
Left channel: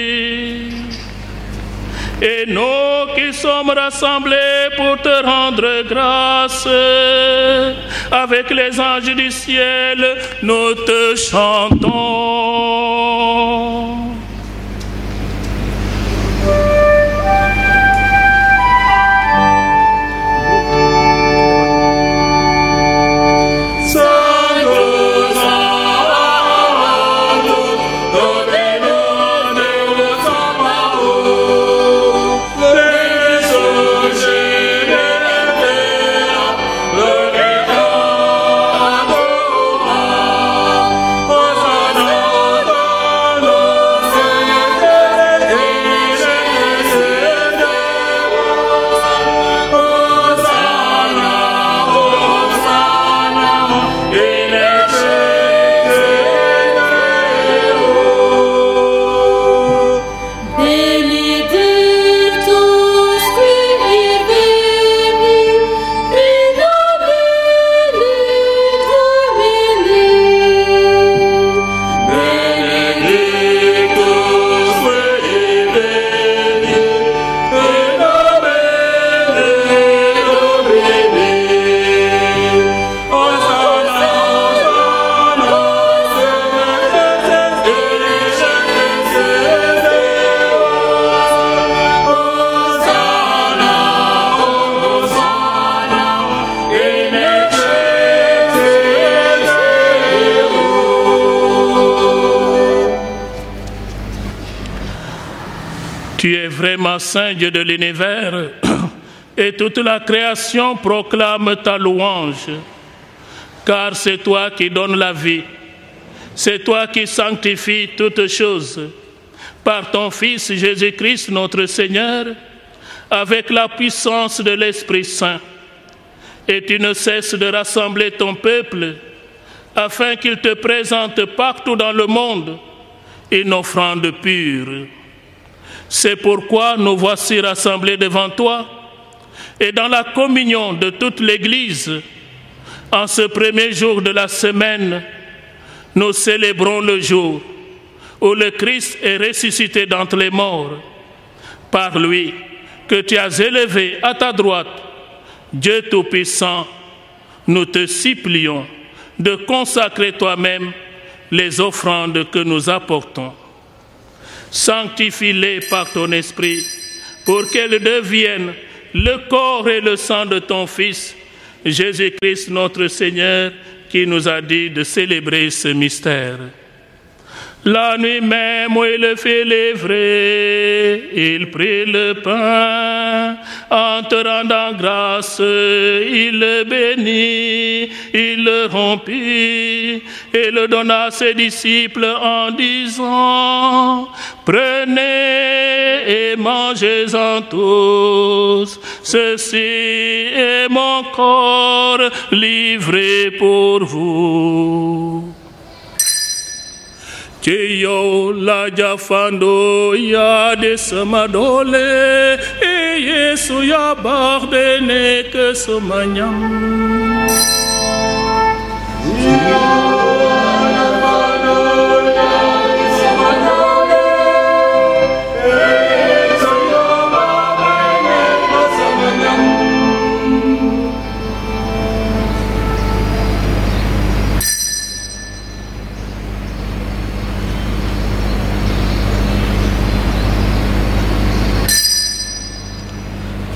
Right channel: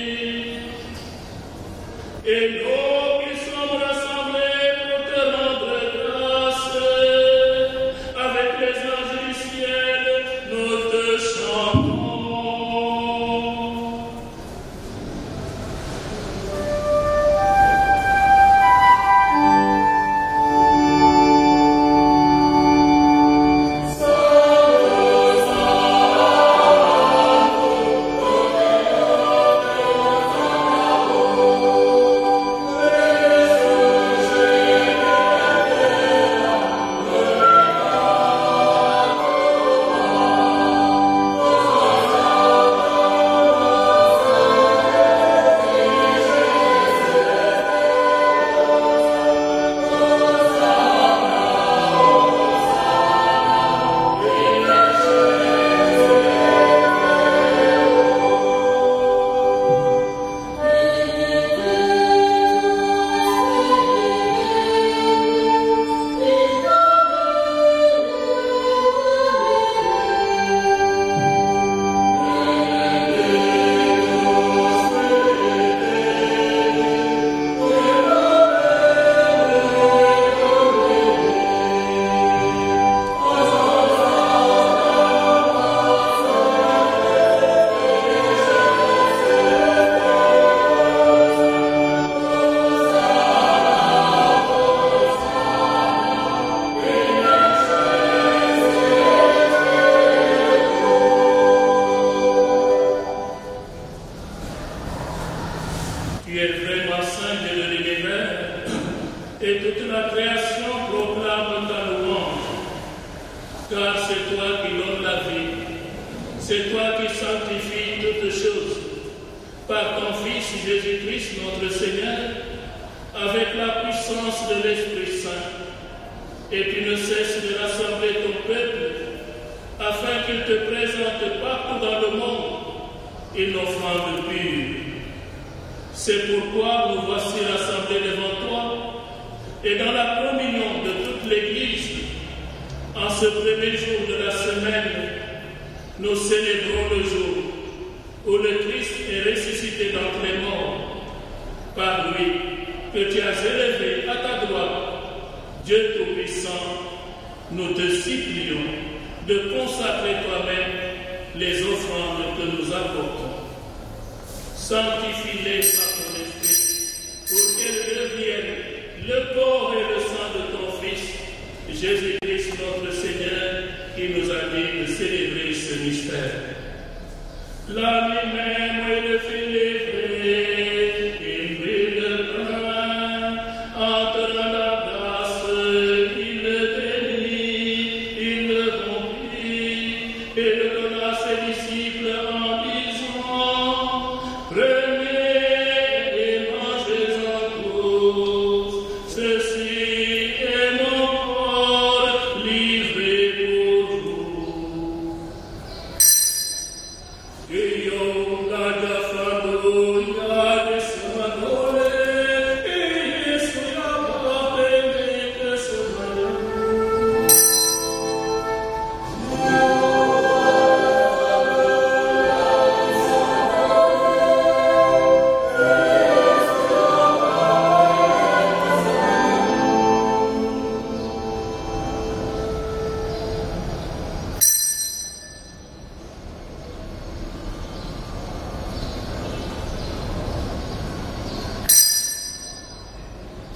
Et nous qui sommes rassemblés pour te rendre grâce, avec les anges du ciel, nous te chantons. Tu es vraiment Saint Dieu de l'univers, et toute la création proclame ta louange, car c'est toi qui donnes la vie, c'est toi qui sanctifies toutes choses, par ton Fils Jésus-Christ notre Seigneur, avec la puissance de l'Esprit Saint. Et tu ne cesses de rassembler ton peuple, afin qu'il te présente partout dans le monde une offrande pure. C'est pourquoi nous voici rassemblés devant toi, et dans la communion de toute l'Église, en ce premier jour de la semaine, nous célébrons le jour où le Christ est ressuscité d'entre les morts. Par lui, que tu as élevé à ta droite, Dieu Tout-Puissant, nous te supplions de consacrer toi-même les offrandes que nous apportons. Sanctifie-les par ton esprit, pour qu'elles deviennent le corps et le sang de ton Fils, Jésus-Christ notre Seigneur, qui nous a dit de célébrer ce mystère. La nuit même où il fait lévrer, il prit le pain, en te rendant grâce, il le bénit, il le rompit, et le donna à ses disciples en disant: prenez et mangez-en tous, ceci est mon corps livré pour vous. Tio la jafando ya de samadole, e Yesu ya bardene que somanyam.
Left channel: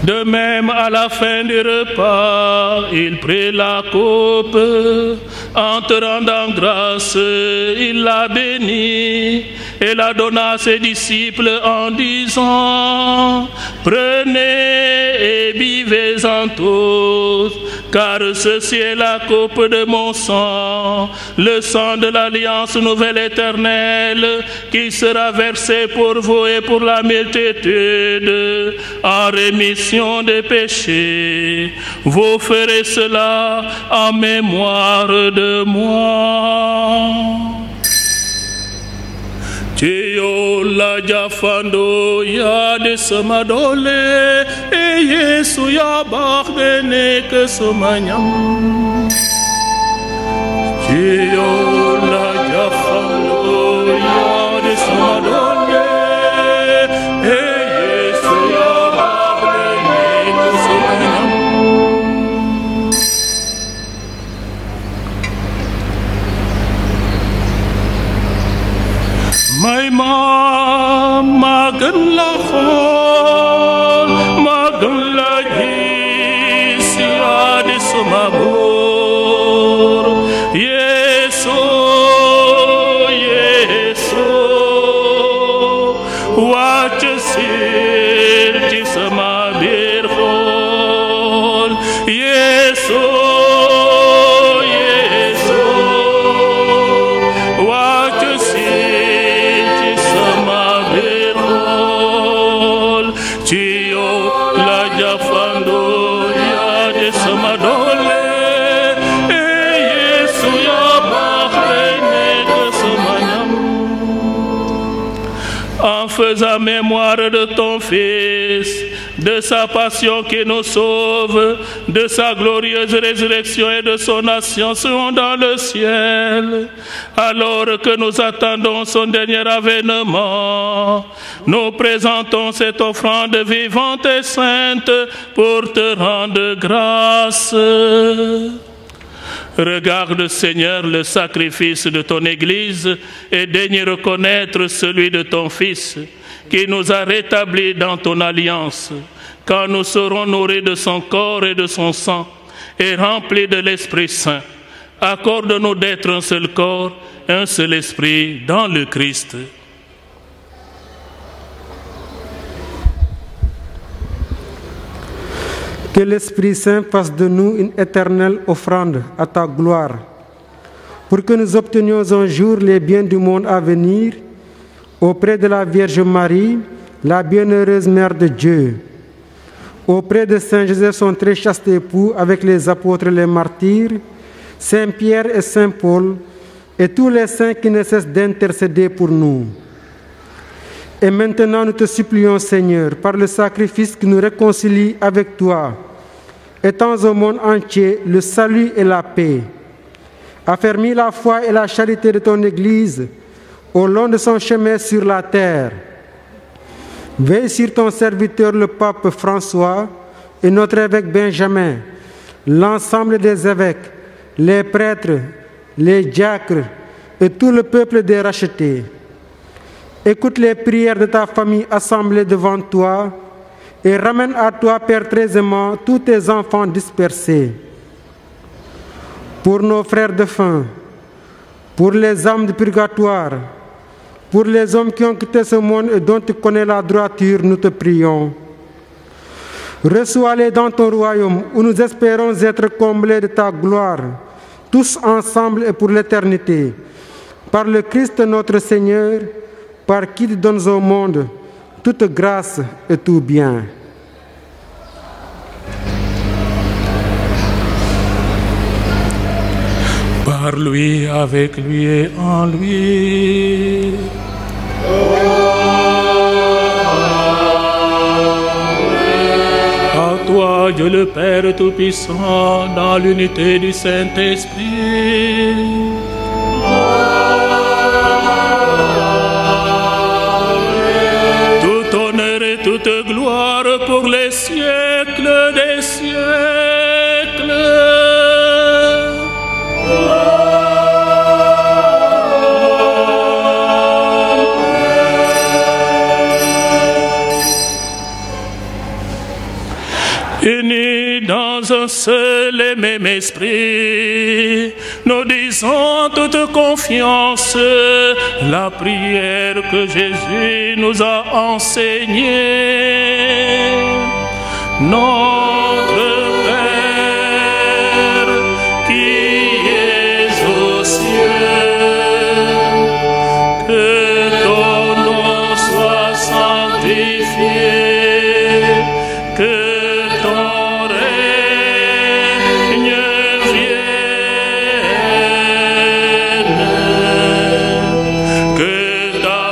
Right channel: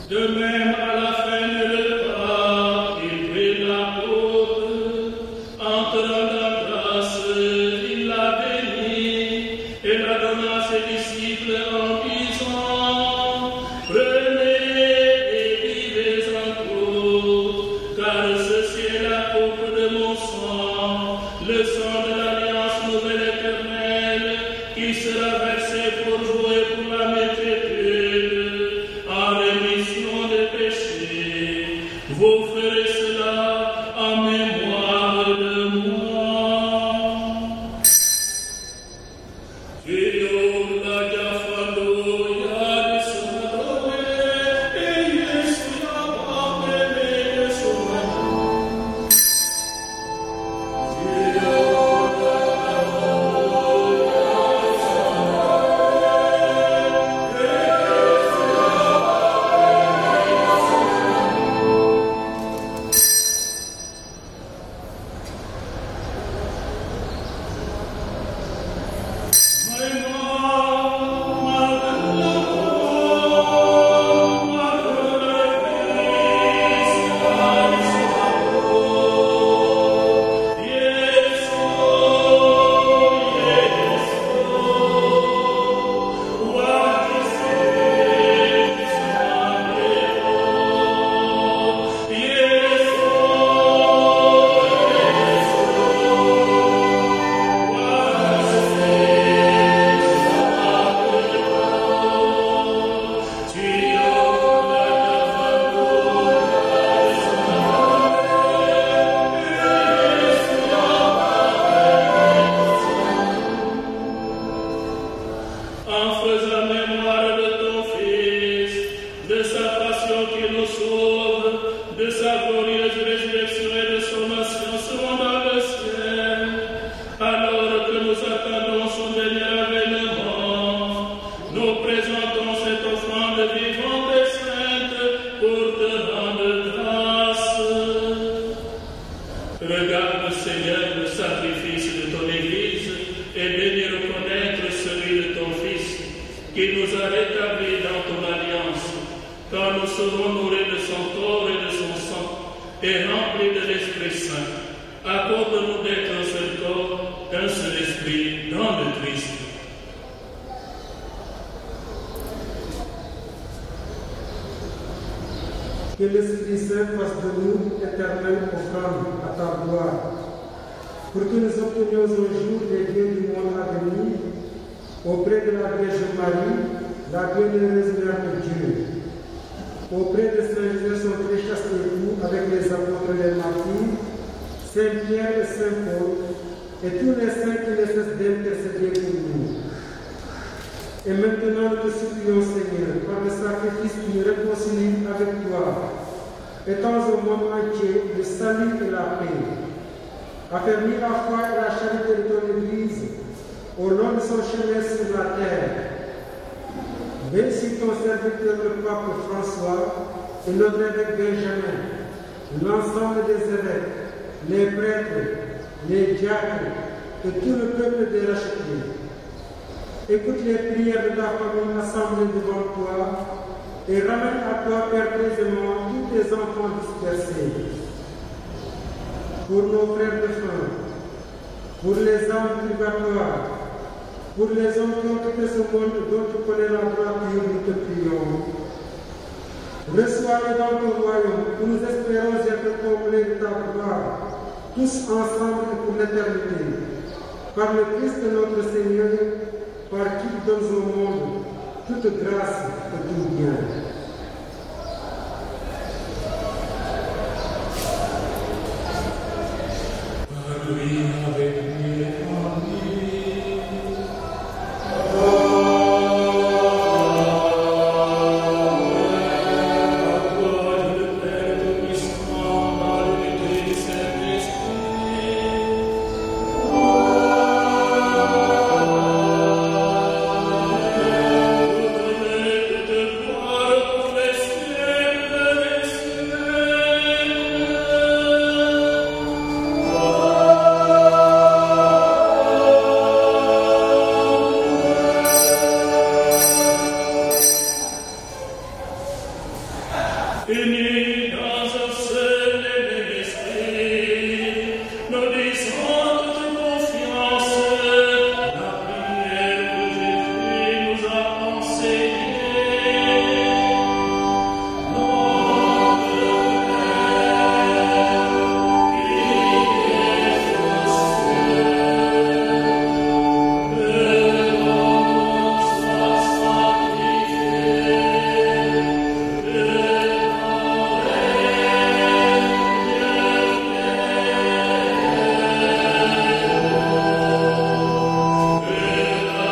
De même, à la fin du repas, il prit la coupe, en te rendant grâce, il la bénit et la donna à ses disciples en disant: prenez et buvez-en tous, car ceci est la coupe de mon sang, le sang de l'alliance nouvelle éternelle, qui sera versé pour vous et pour la multitude, en rémission des péchés. Vous ferez cela en mémoire de moi. Dio la jafando ya de samadole e Yesu ya bardene que somanyam. Dio la jafando ya de samadole e Yesu ya bardene que somanyam. My mom, magala khol, magala hisiya dismabur. Yeso, Yeso, wajsir dismabir khol. Yeso, Yeso, wajsir. En faisant mémoire de ton Fils, de sa passion qui nous sauve, de sa glorieuse résurrection et de son ascension dans le ciel, alors que nous attendons son dernier avènement, nous présentons cette offrande vivante et sainte pour te rendre grâce. Regarde, Seigneur, le sacrifice de ton Église et daigne reconnaître celui de ton Fils, qui nous a rétablis dans ton alliance, quand nous serons nourris de son corps et de son sang, et remplis de l'Esprit Saint. Accorde-nous d'être un seul corps, un seul esprit dans le Christ. Que l'Esprit Saint fasse de nous une éternelle offrande à ta gloire, pour que nous obtenions un jour les biens du monde à venir, auprès de la Vierge Marie, la bienheureuse Mère de Dieu, auprès de Saint Joseph, son très chaste époux, avec les apôtres et les martyrs, Saint Pierre et Saint Paul, et tous les saints qui ne cessent d'intercéder pour nous. Et maintenant, nous te supplions, Seigneur, par le sacrifice qui nous réconcilie avec toi, étends au monde entier le salut et la paix. Affermis la foi et la charité de ton Église au long de son chemin sur la terre. Veille sur ton serviteur, le pape François, et notre évêque Benjamin, l'ensemble des évêques, les prêtres, les diacres et tout le peuple des rachetés. Écoute les prières de ta famille assemblée devant toi et ramène à toi, Père très aimant, tous tes enfants dispersés. Pour nos frères défunts, pour les âmes du purgatoire, pour les hommes qui ont quitté ce monde et dont tu connais la droiture, nous te prions. Reçois-les dans ton royaume où nous espérons être comblés de ta gloire, tous ensemble et pour l'éternité. Par le Christ notre Seigneur, par qui tu donnes au monde toute grâce et tout bien. Par lui, avec lui et en lui. À toi, Dieu le Père Tout-Puissant, dans l'unité du Saint-Esprit. Toute gloire pour les siècles des siècles. Unis dans un seul et même esprit, nous disons toute confiance la prière que Jésus nous a enseignée. Notre Père qui es aux cieux, que ton nom soit sanctifié, que ton règne vienne, que ta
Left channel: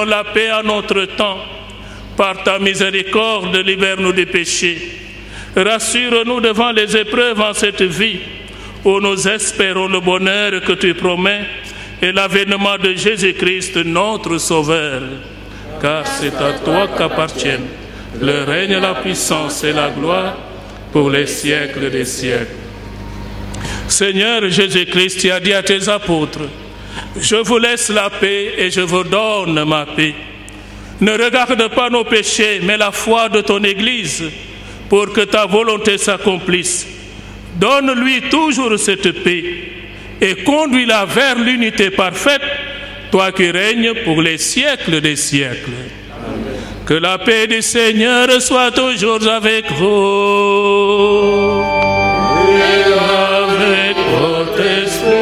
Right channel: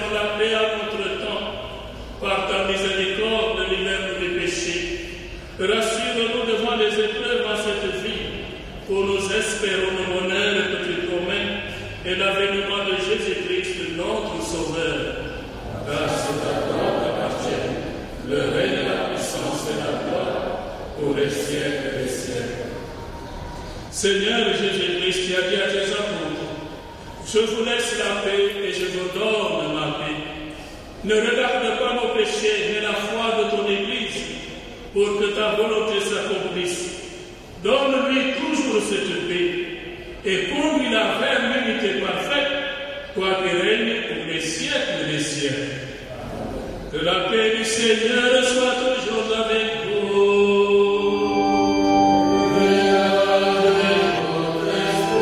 donne la paix à notre temps. Par ta miséricorde, libère-nous des péchés. Rassure-nous devant les épreuves en cette vie, où nous espérons le bonheur que tu promets et l'avènement de Jésus-Christ, notre Sauveur. Car c'est à toi qu'appartiennent le règne, la puissance et la gloire pour les siècles des siècles. Seigneur Jésus-Christ, tu as dit à tes apôtres, je vous laisse la paix et je vous donne ma paix. Ne regarde pas nos péchés, mais la foi de ton Église, pour que ta volonté s'accomplisse. Donne-lui toujours cette paix et conduis-la vers l'unité parfaite, toi qui règnes pour les siècles des siècles. Que la paix du Seigneur soit toujours avec vous. Et avec votre esprit.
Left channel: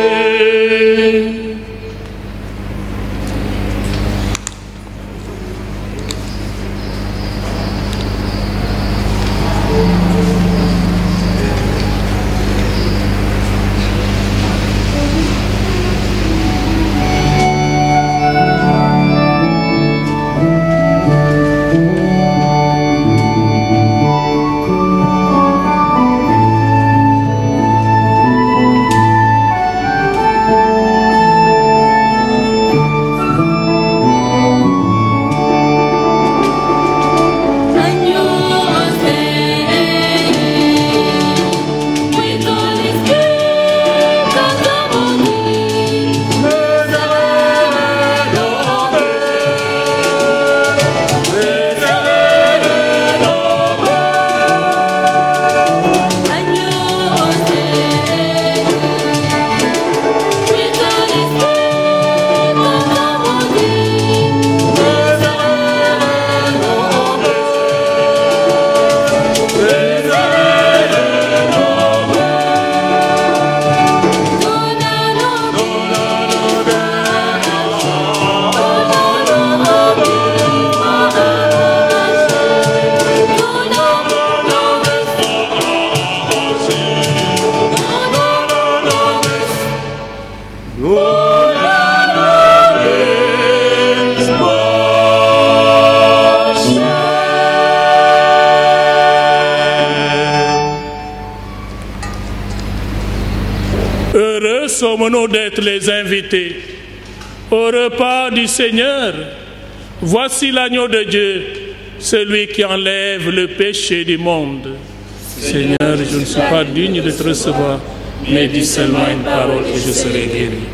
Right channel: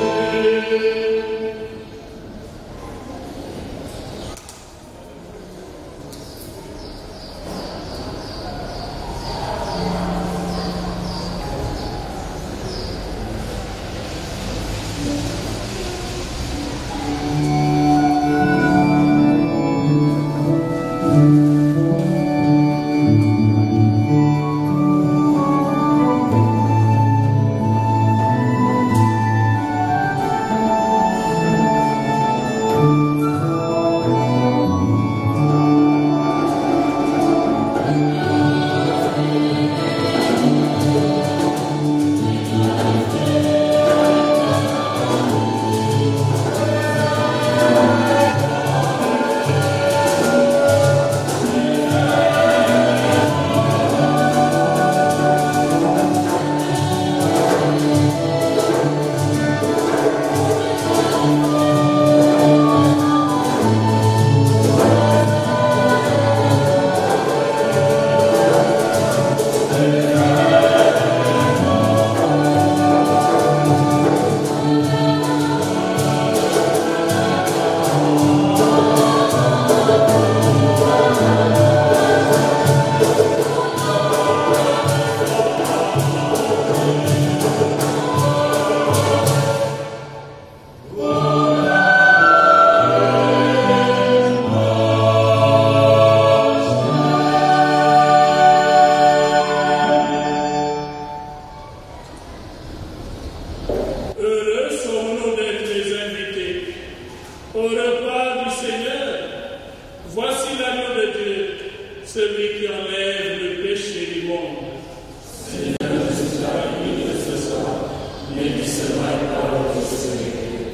Heureux sommes-nous d'être les invités au repas du Seigneur. Voici l'agneau de Dieu, celui qui enlève le péché du monde. Seigneur, je ne suis pas digne de te recevoir, mais dis seulement une parole et je serai guéri.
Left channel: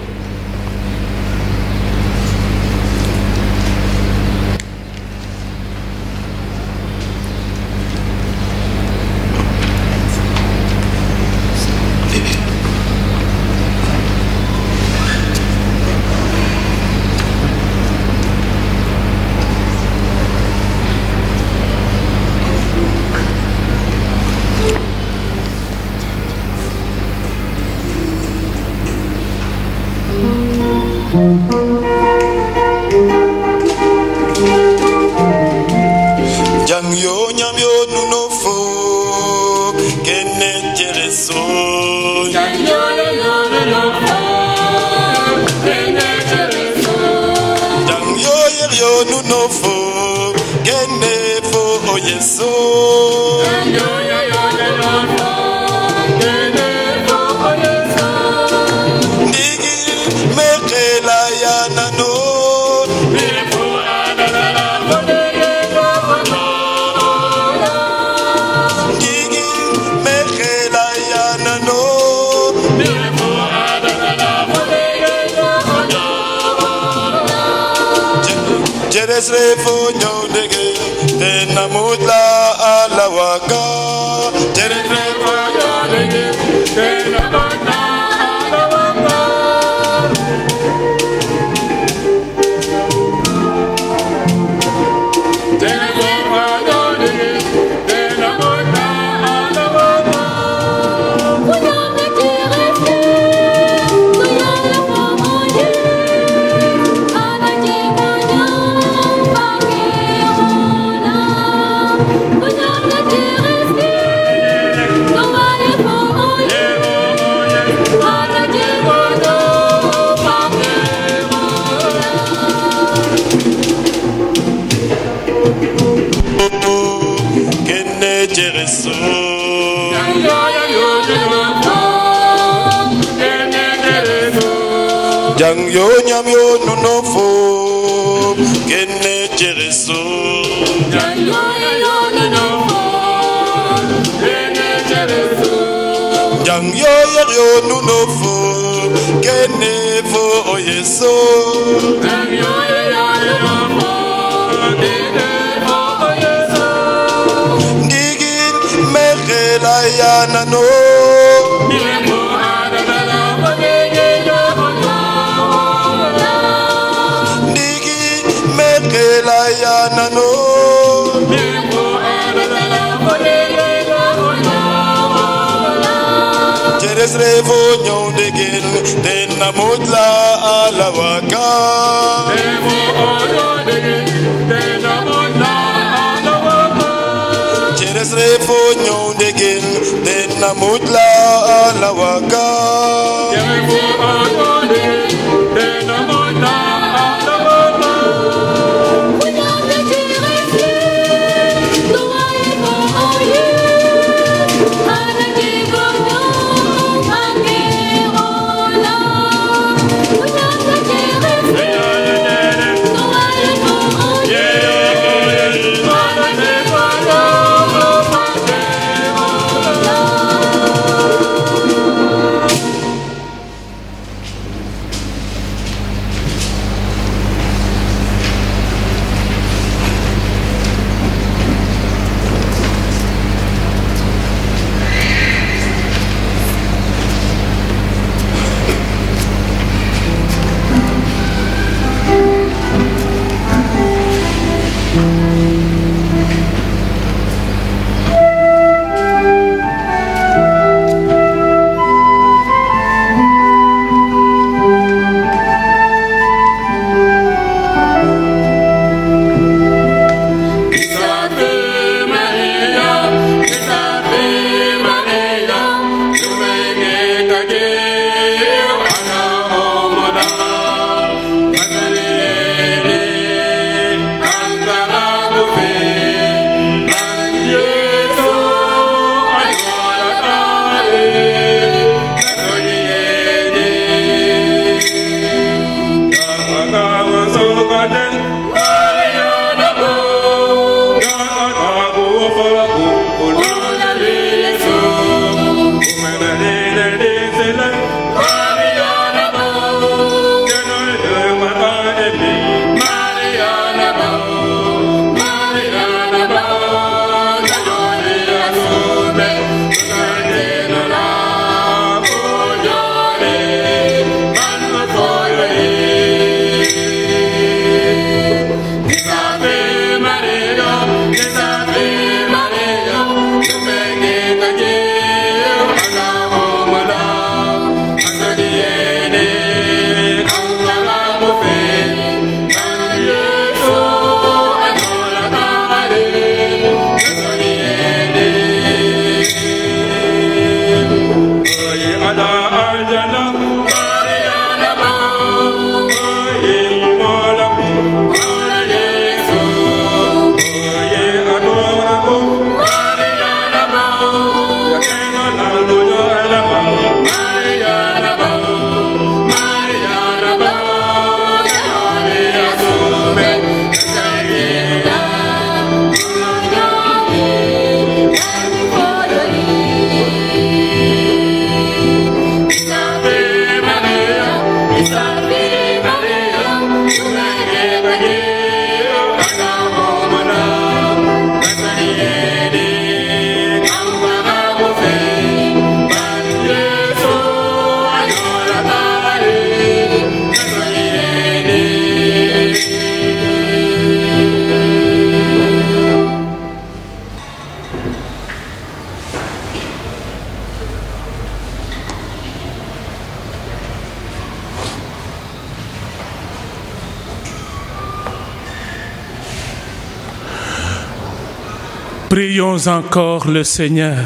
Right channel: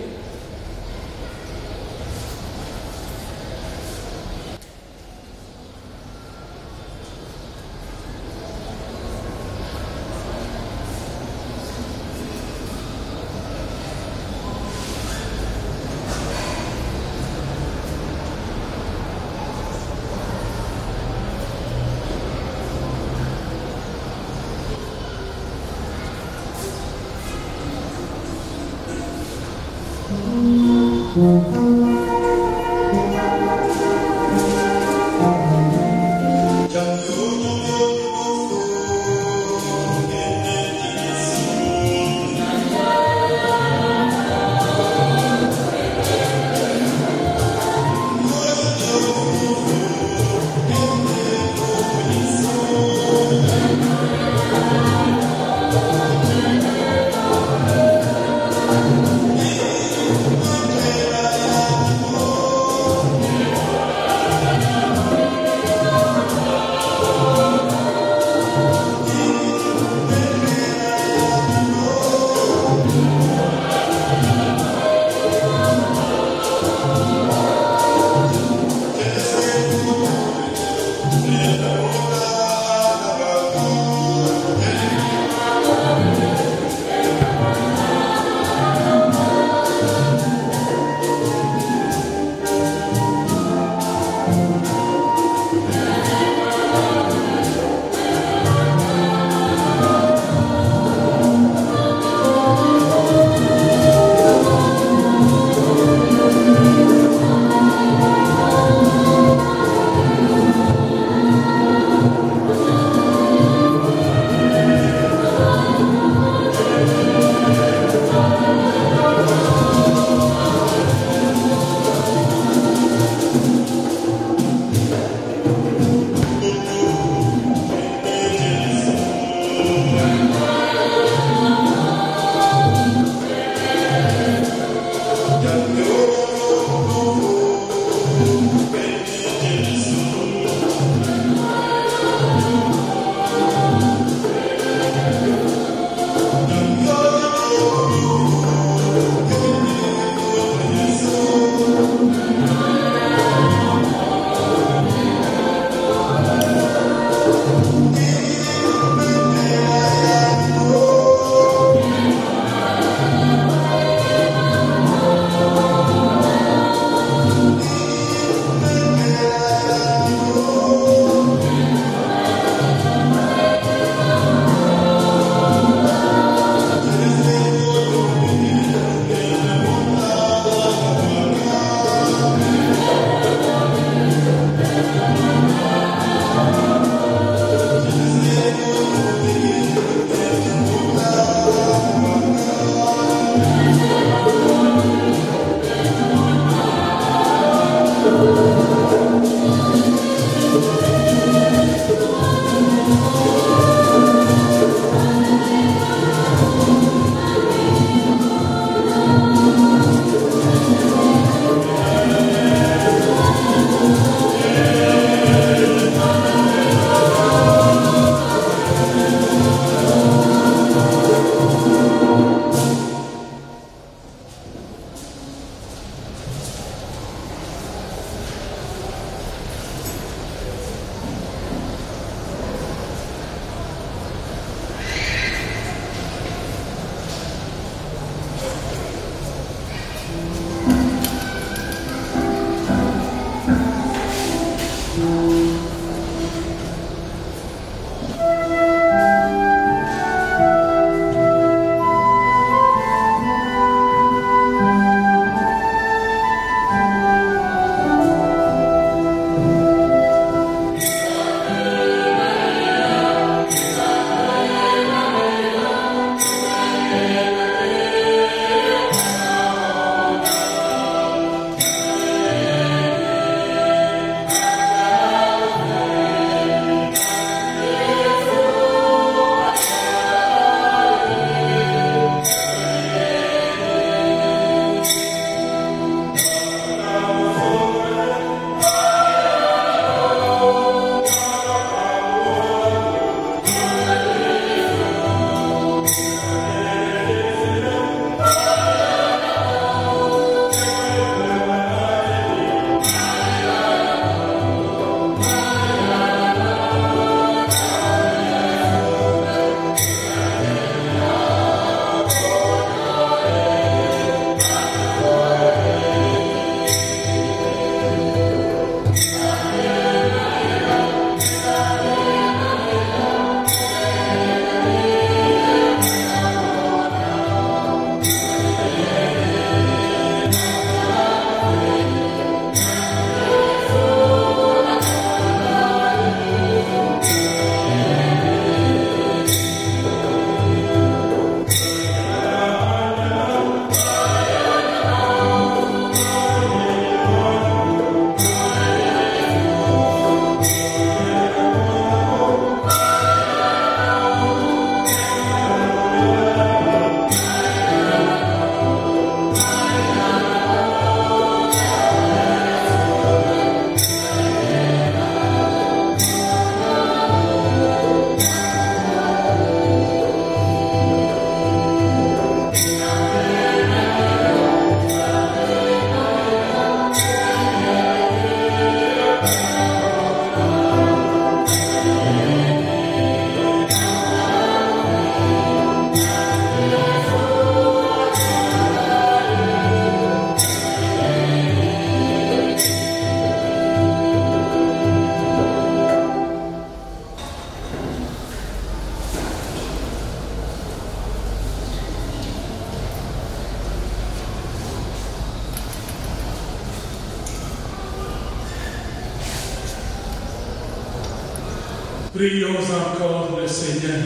Prions encore le Seigneur.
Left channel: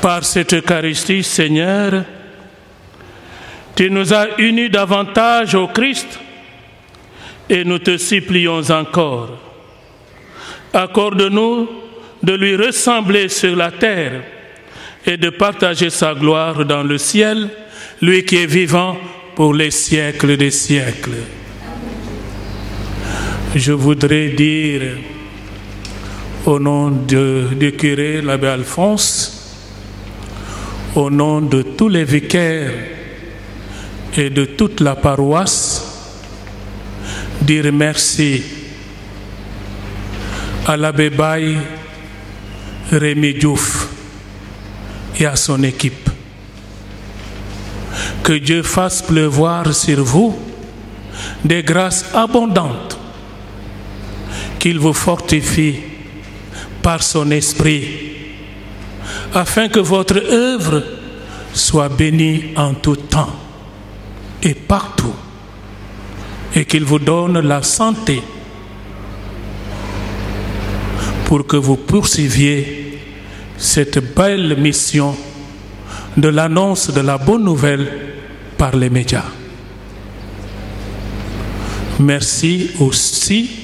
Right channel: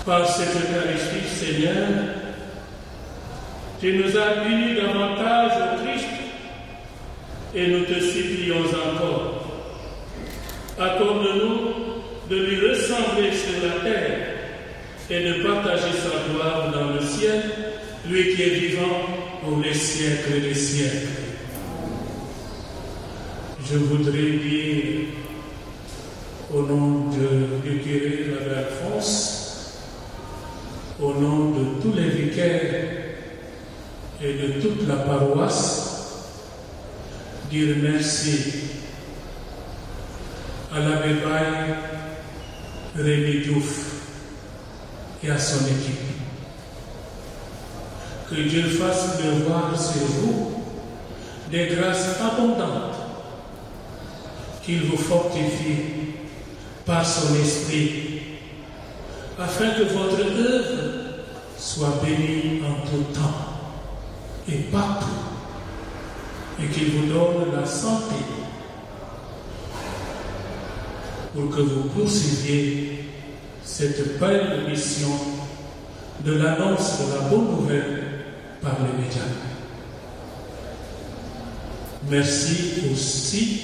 Par cette Eucharistie, Seigneur, tu nous as unis davantage au Christ et nous te supplions encore. Accorde-nous de lui ressembler sur la terre et de partager sa gloire dans le ciel, lui qui est vivant pour les siècles des siècles. Je voudrais dire au nom du curé, l'abbé Alphonse, au nom de tous les vicaires et de toute la paroisse, dire merci à l'abbé Baye, Rémi Diouf et à son équipe. Que Dieu fasse pleuvoir sur vous des grâces abondantes, qu'il vous fortifie par son esprit, afin que votre œuvre soit bénie en tout temps et partout, et qu'il vous donne la santé pour que vous poursuiviez cette belle mission de l'annonce de la bonne nouvelle par les médias. Merci aussi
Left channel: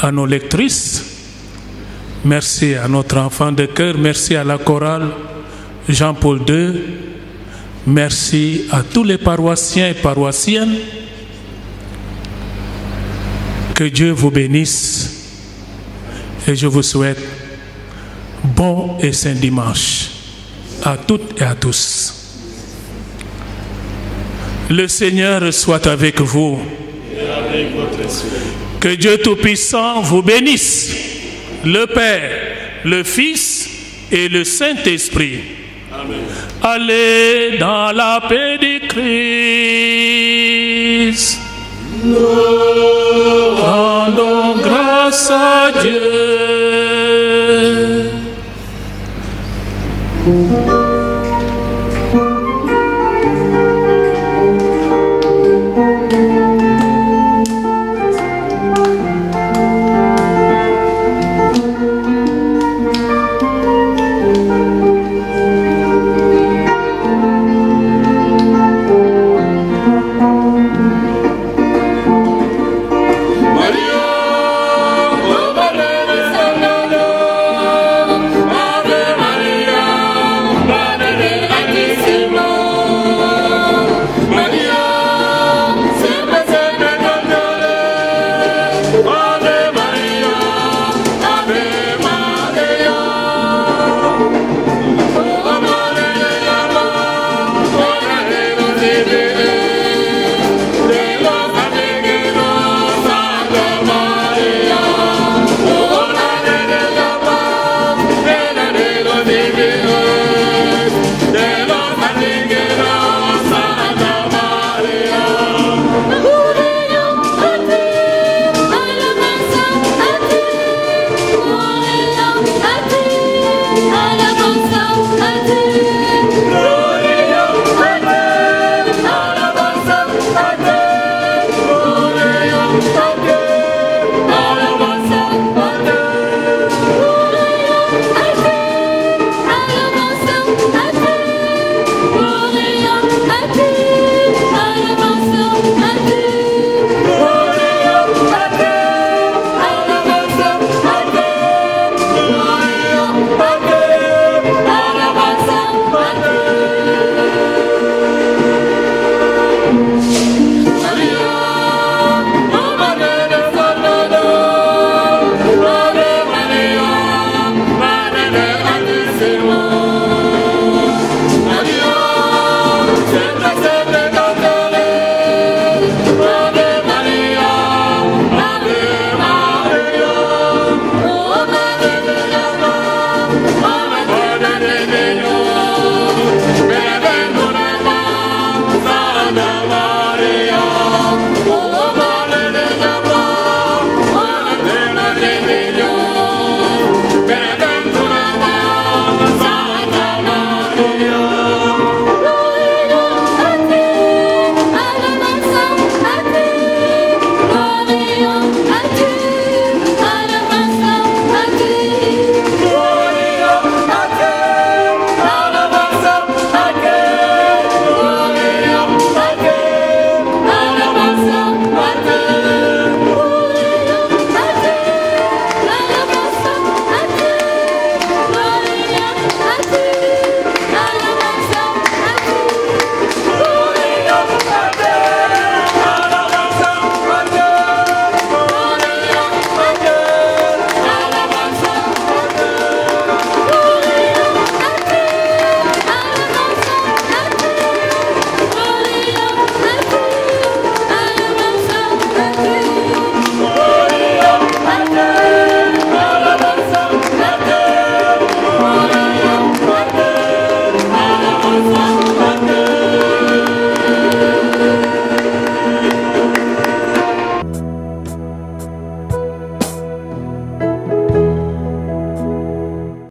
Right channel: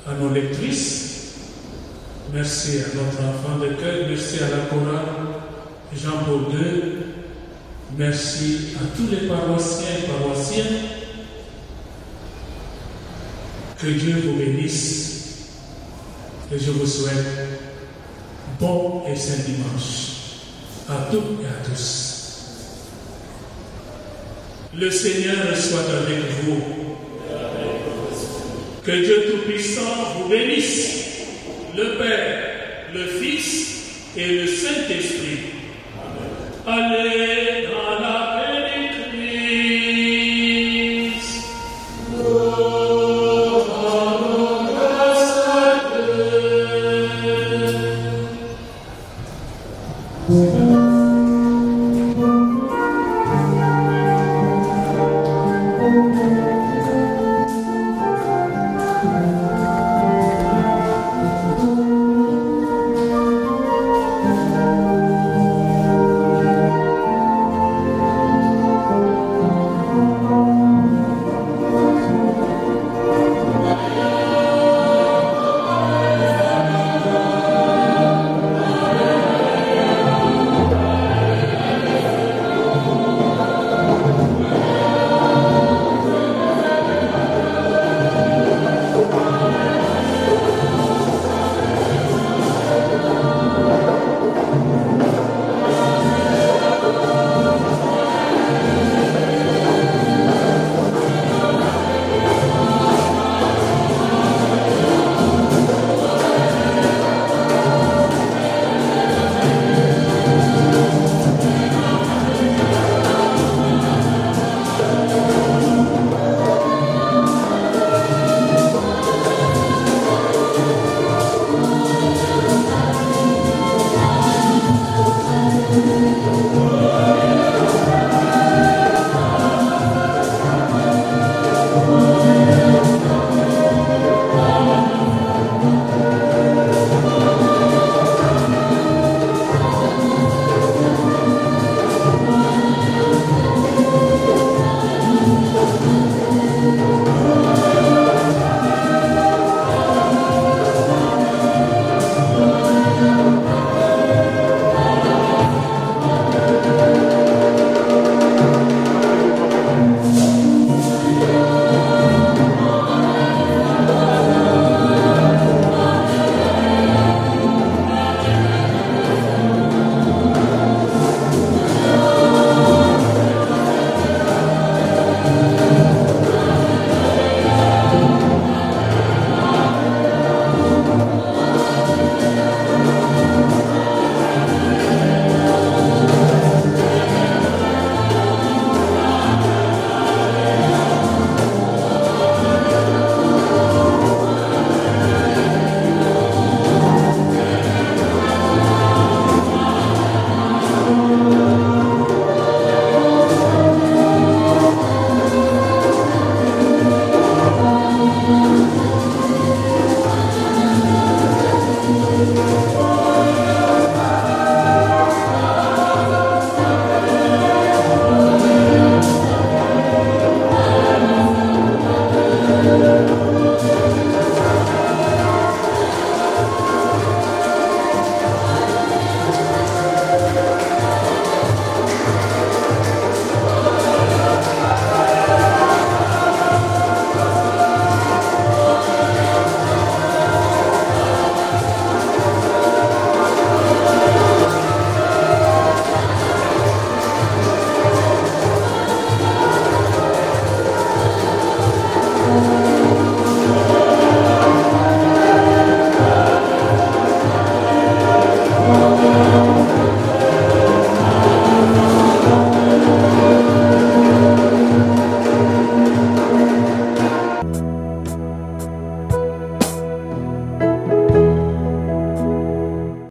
à nos lectrices, merci à notre enfant de cœur, merci à la chorale Jean-Paul II, merci à tous les paroissiens et paroissiennes. Que Dieu vous bénisse et je vous souhaite bon et saint dimanche à toutes et à tous. Le Seigneur soit avec vous. Et avec votre esprit. Que Dieu Tout-Puissant vous bénisse, le Père, le Fils et le Saint-Esprit. Amen. Allez dans la paix du Christ.